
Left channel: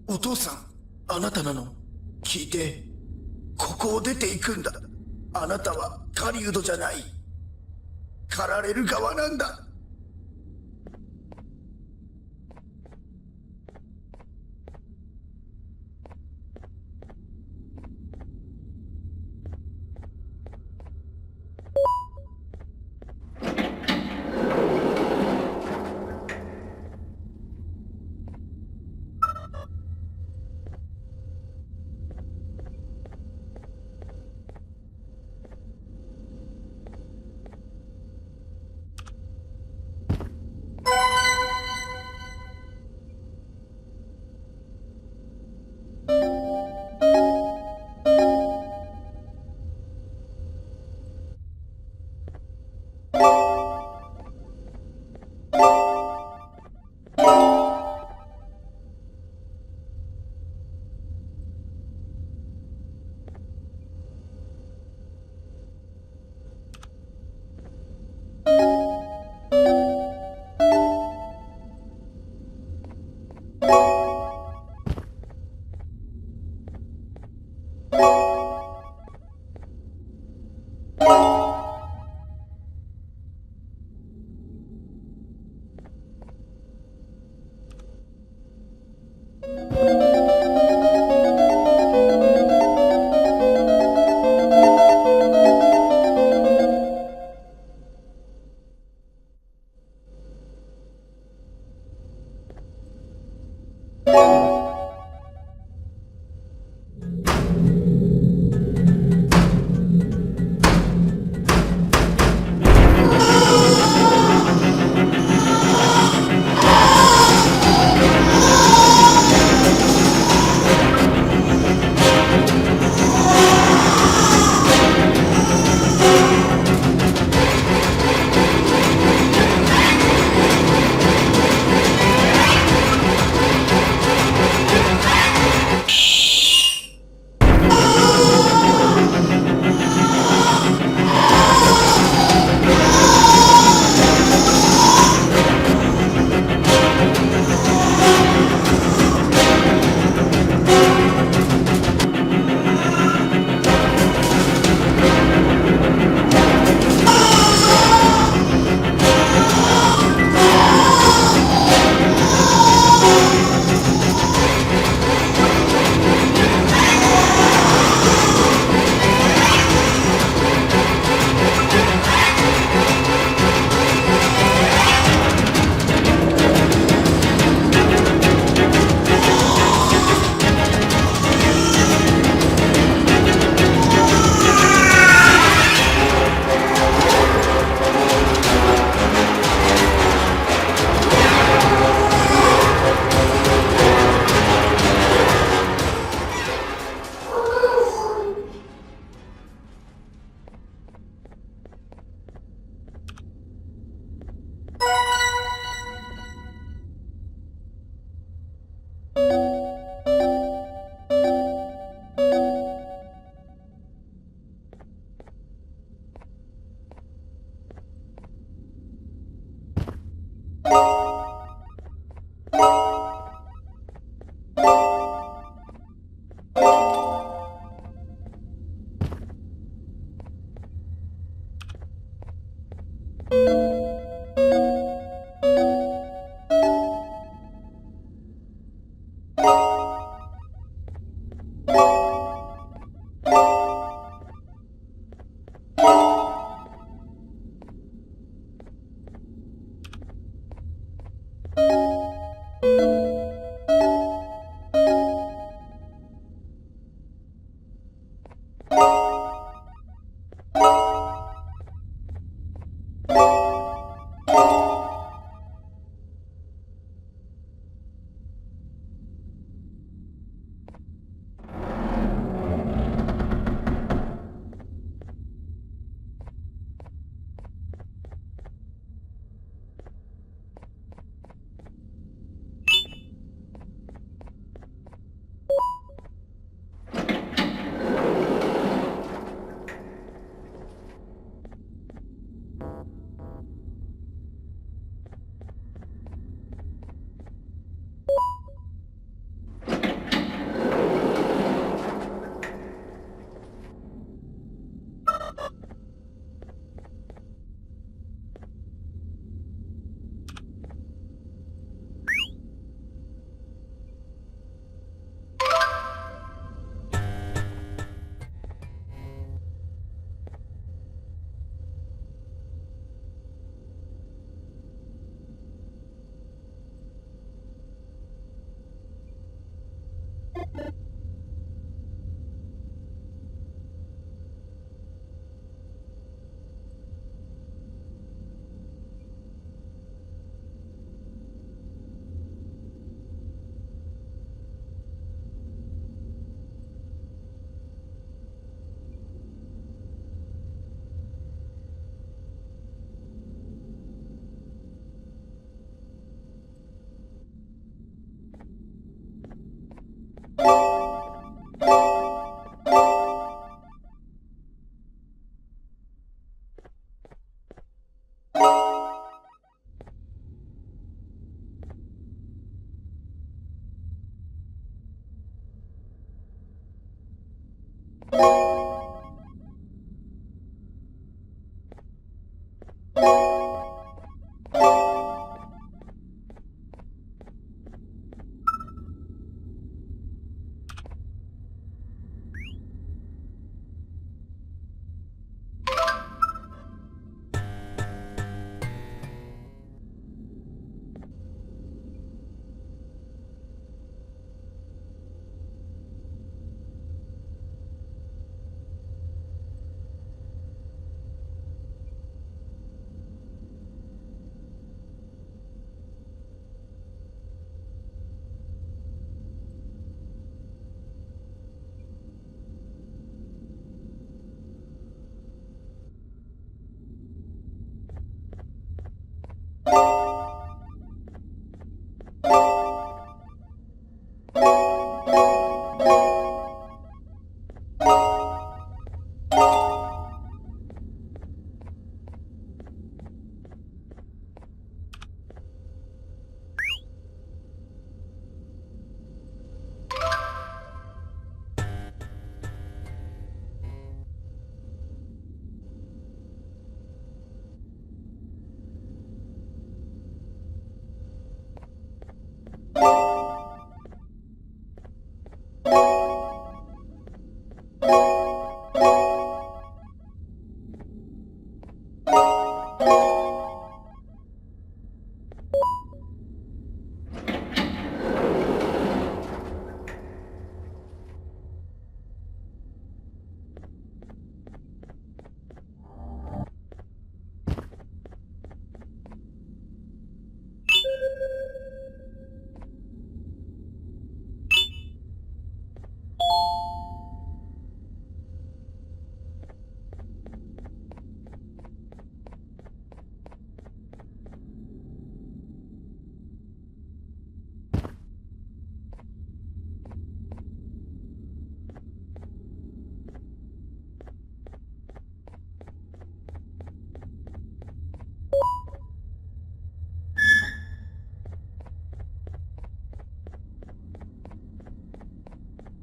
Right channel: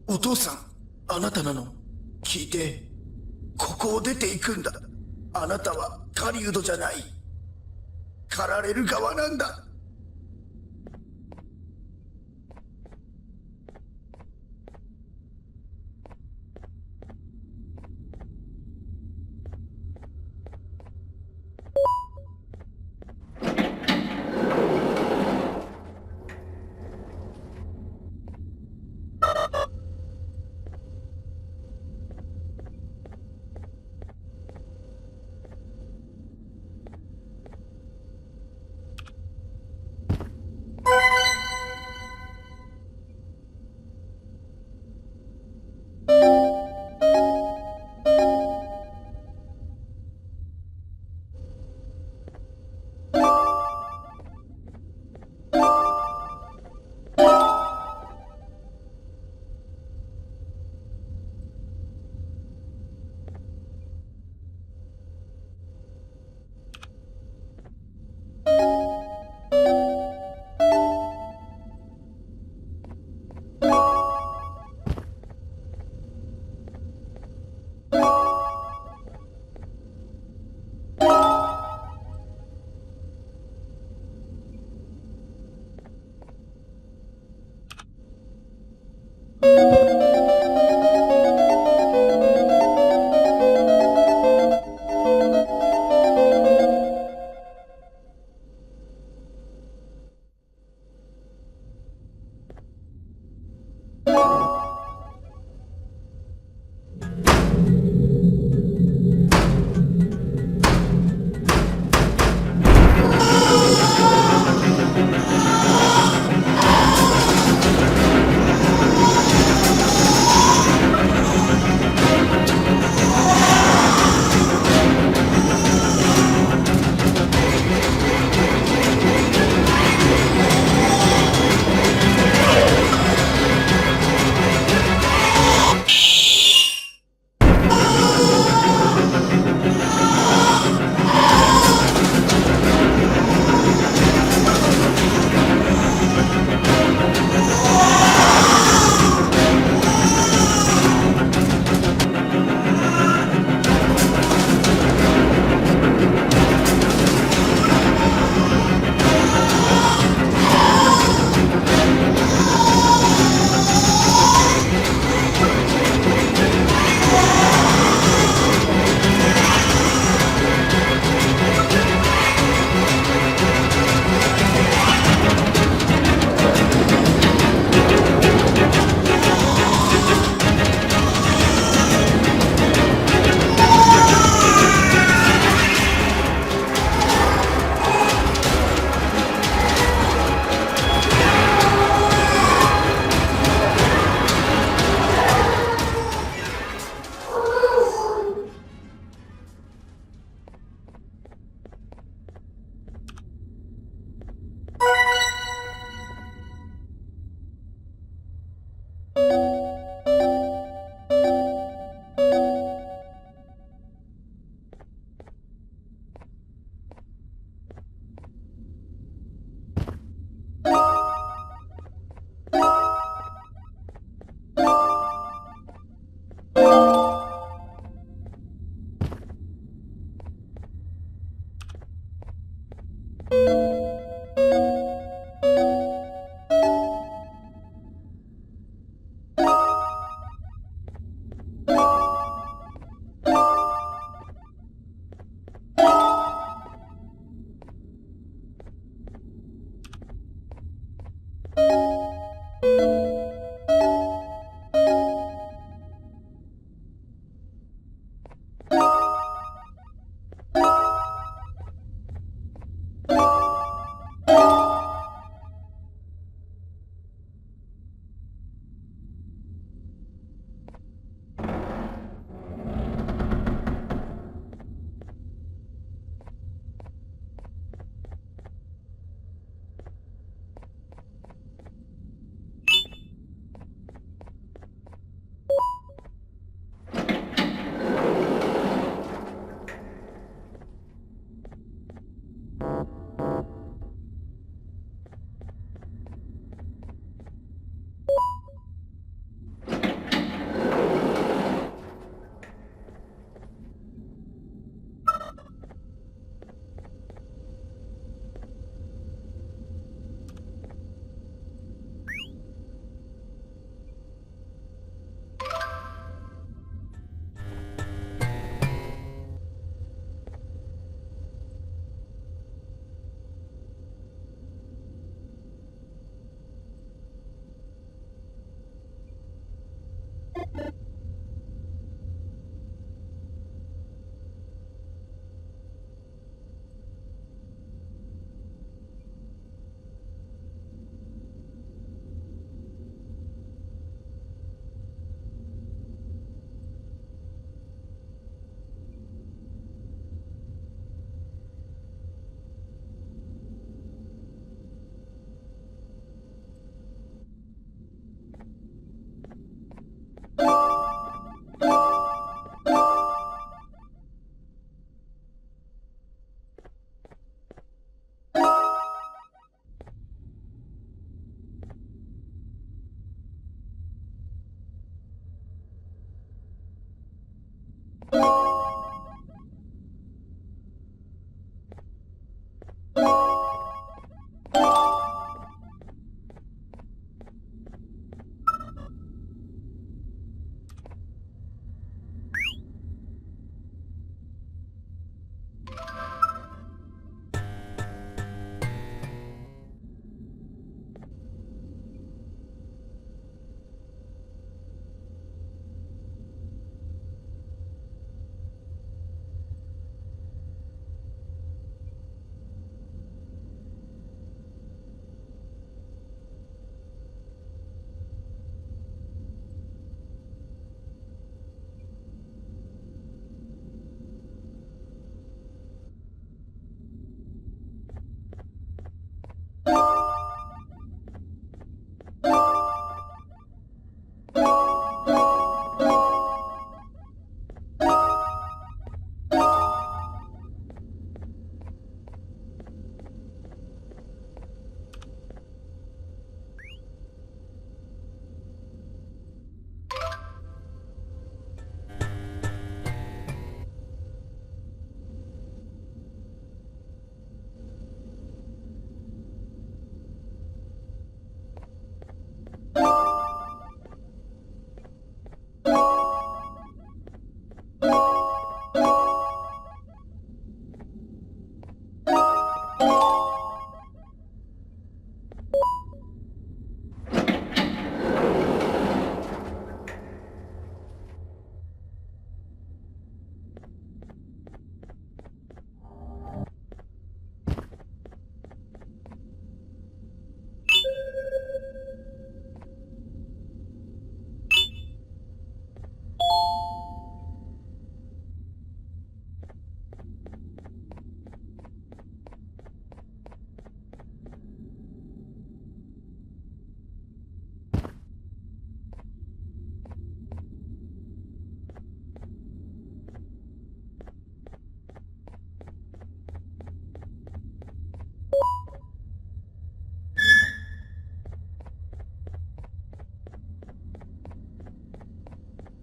お父さん、あなたなの？聞いて、ここを出ていくんだ。あなたは狩人じゃない。狩られる側なんだ。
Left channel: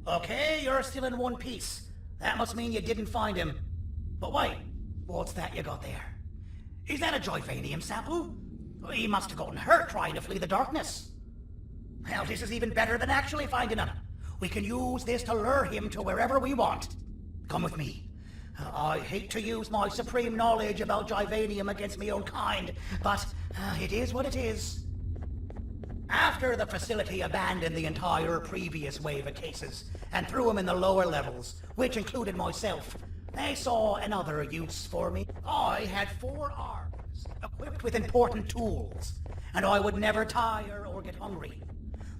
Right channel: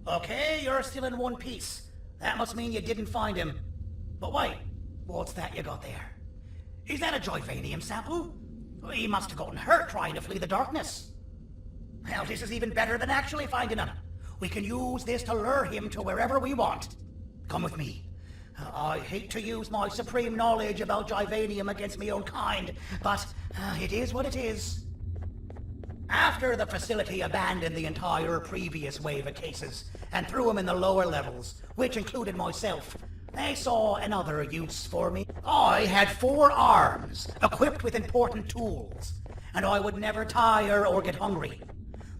Okay, you're still in one piece. That must mean you didn't find him. But wait, what's that you got there? Is that a Joyvanium sample? He must have gotten hurt trying to flee the darkness. Well, this is even better than actually finding him. We can use this to lure him to wherever we want. Come with me. I hate to use my supreme knowledge about Joyvanium against my own kind, but it is what it is. After the facility abandoned the entire previous wave of cases and threw them in the lower levels, which included myself, they saw another use for me. I had 4 arms, equipped with important tools, and I would never tire or get hungry.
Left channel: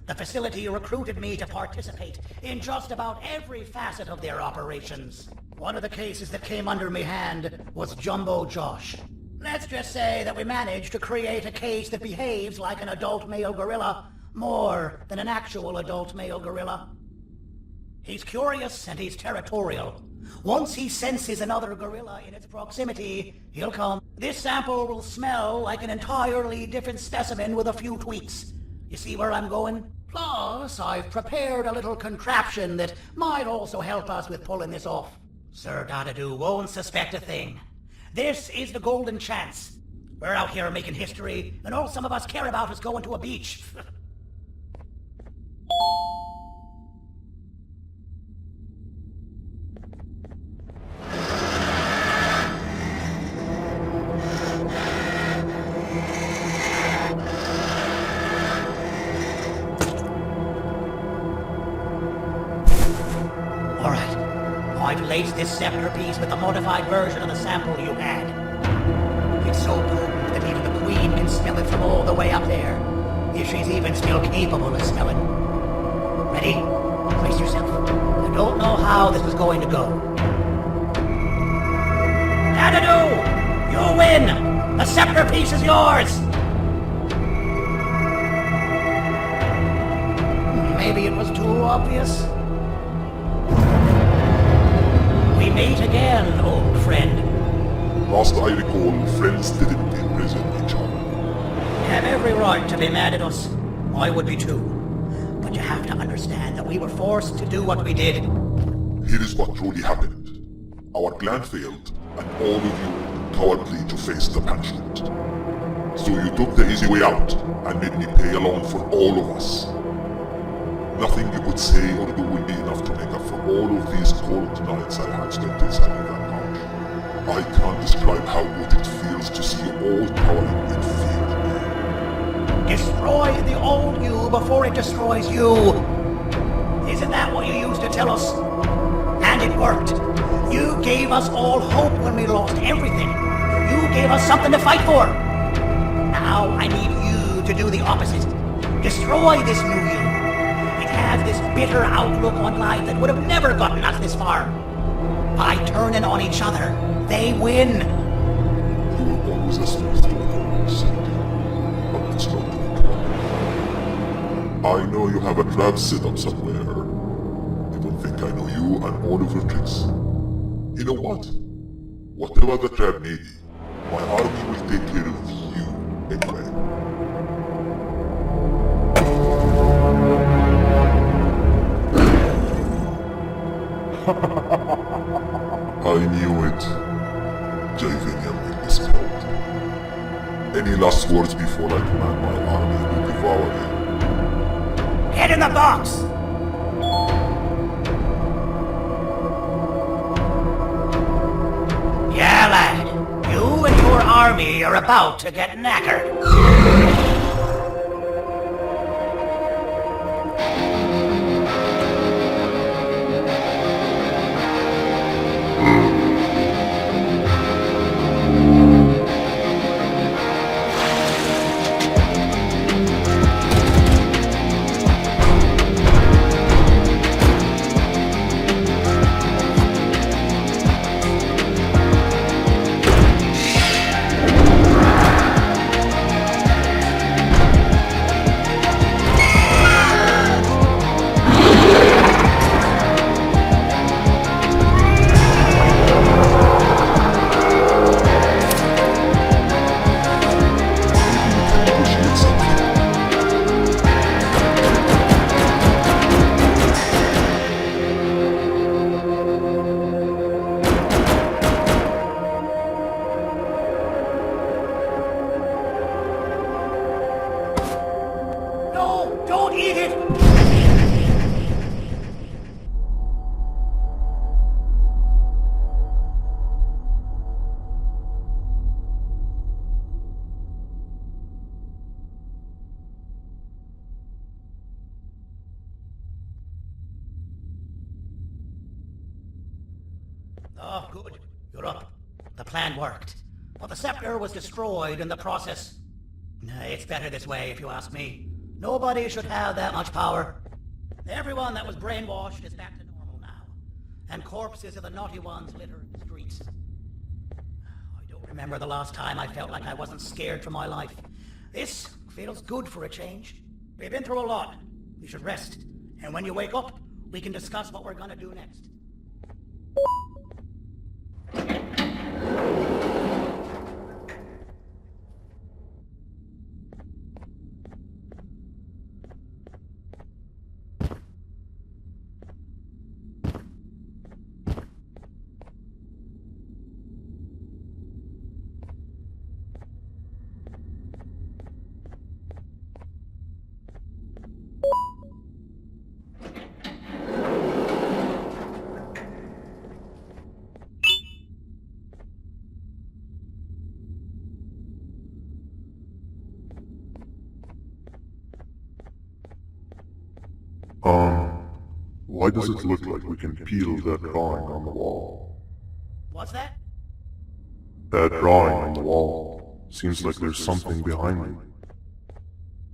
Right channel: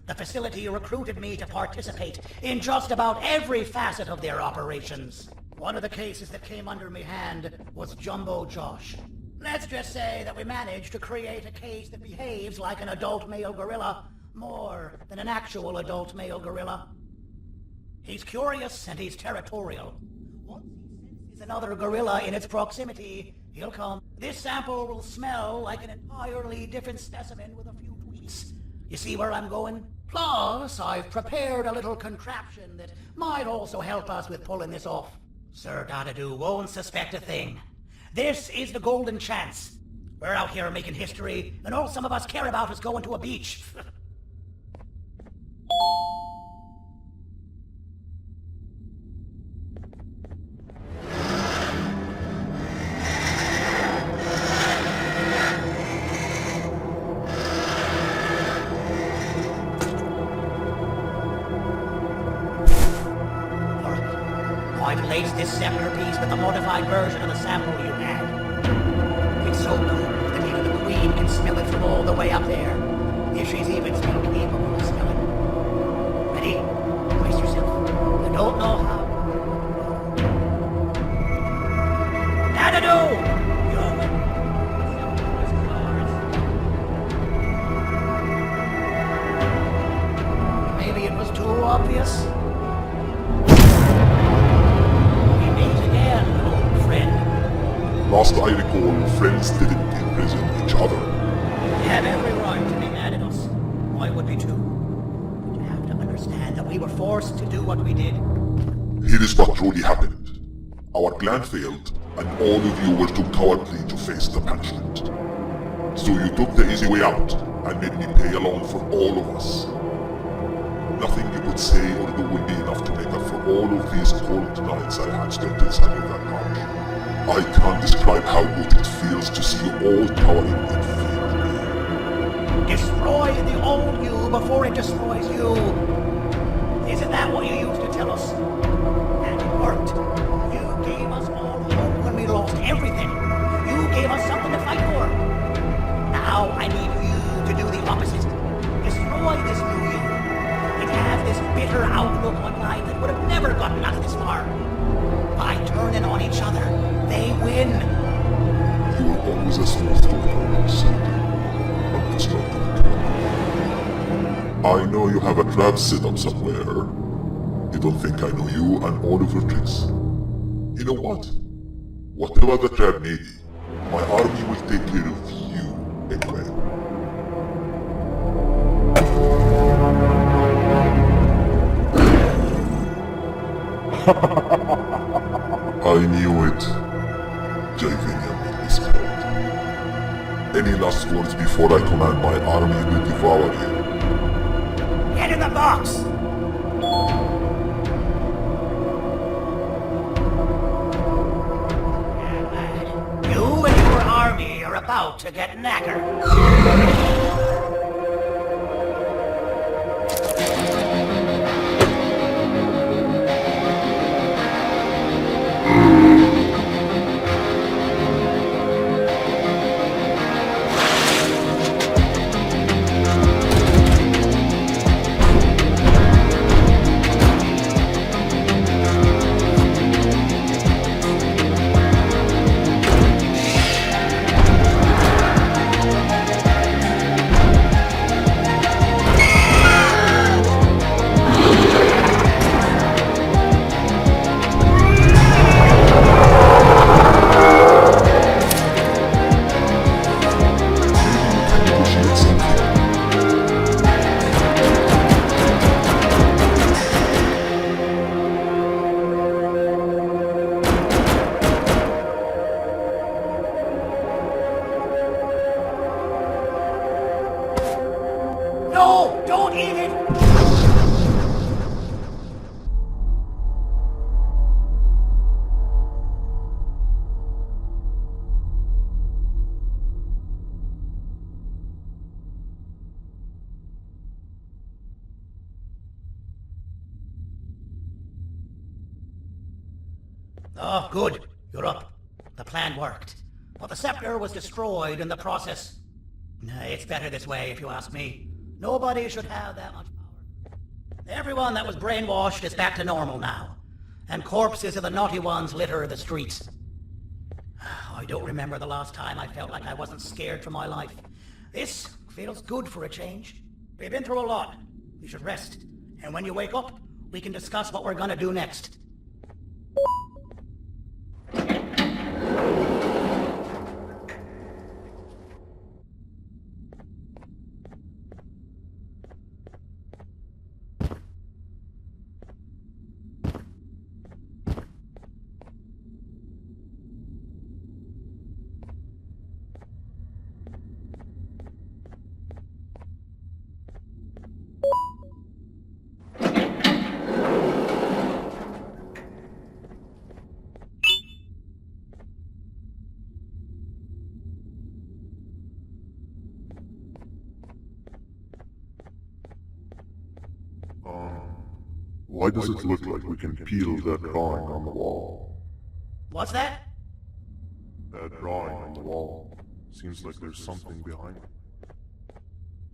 The facility recruited me to participate in just about every facet of their operations. One of the cases that came under my hand was Jumbo Josh. Let's just say that we managed to create a case that behaves like an adult male gorilla more than an actual adult male gorilla. He's curious and he's territorial. Once he senses another gorilla in its proximity, he'll come. This sample will smell like an entirely different specimen with a few tweaks. You see where I'm going? Plus, I've prepared a little contraption that might also help us with pulling this off. Sir Dadadoo won't suspect a thing. This is the golden chance. We're out here making history, and all some of us care about is going to a beach. I've laced this scepter piece with the modified version of the sample you had. It's so potent that even the Queen can smell it from all the way up there, if she's even still capable of smelling. Ready? Brace yourself. I don't know how this is going to go. Dadadoo! You win! The scepter piece is yours! Maybe it was too obvious? We meet again, old friend. Last I recall, friends didn't imprison each other. You have every right to be mad at us. I would be too. But you have to understand that we were forced to do what we did. Here is what truly happened. Our plan failed, and all of you were too cowardly to face the punishment. So you took the easy way out, and made me pay along for all of us. Nothing you could say or do will be enough to make up for all of these cold nights I had spent inside of that couch. I can't describe how good it feels to see you all towering in fear of me. Destroy the old you before it destroys you. Isn't that what you used to tell us? And it worked. You gave us all hope when we lost everything. You gave us something to fight for. Now I need you to do the opposite. Destroy this new you. It has this bitter outlook on life that would have never gotten us this far. By turning on each other, they win. You were always a smooth talker, Cindy. But it's not gonna come. I know you have a trap set up somewhere. You don't think I know you and all of your tricks? You know what? Whatever the trap may be, my army will take care of you anyway. I knew it. Javenia made me spelled. Any last words before I command my army to devour you? Get in the box! Yeah, lad. You and your army are about to get knackered. No! Don't eat it! Oh, good. You're up. The plan worked. But the scepter was destroyed in the process. It's better this way, if you ask me. Nobody should have that much power. Everyone that was brainwashed is back to normal now. And corpses of the naughty ones litter the streets. I don't remember the last time I felt like I wasn't scared for my life. This feels good for a change. We've been through a lot. You should rest. And when you wake up, we can discuss what we're gonna do next. Why does it look like we can peel that drawing on the wall? What's that? That drawing on the wall. Seems like there's something behind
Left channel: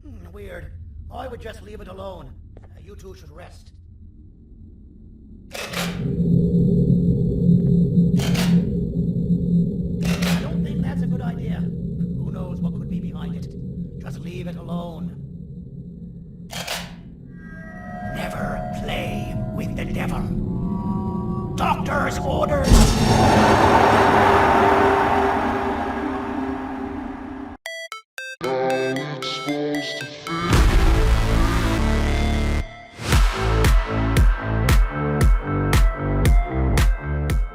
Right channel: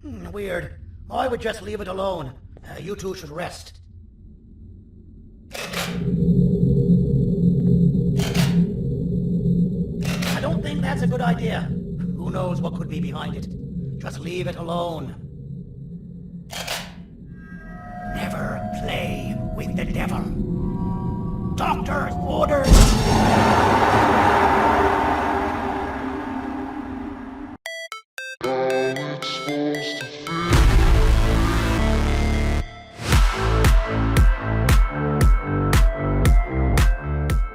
it. Weird. I would just leave it alone. You two should rest. I don't think that's a good idea. Who knows what could be behind it? Just leave it alone. Never play with the devil. Doctor's orders!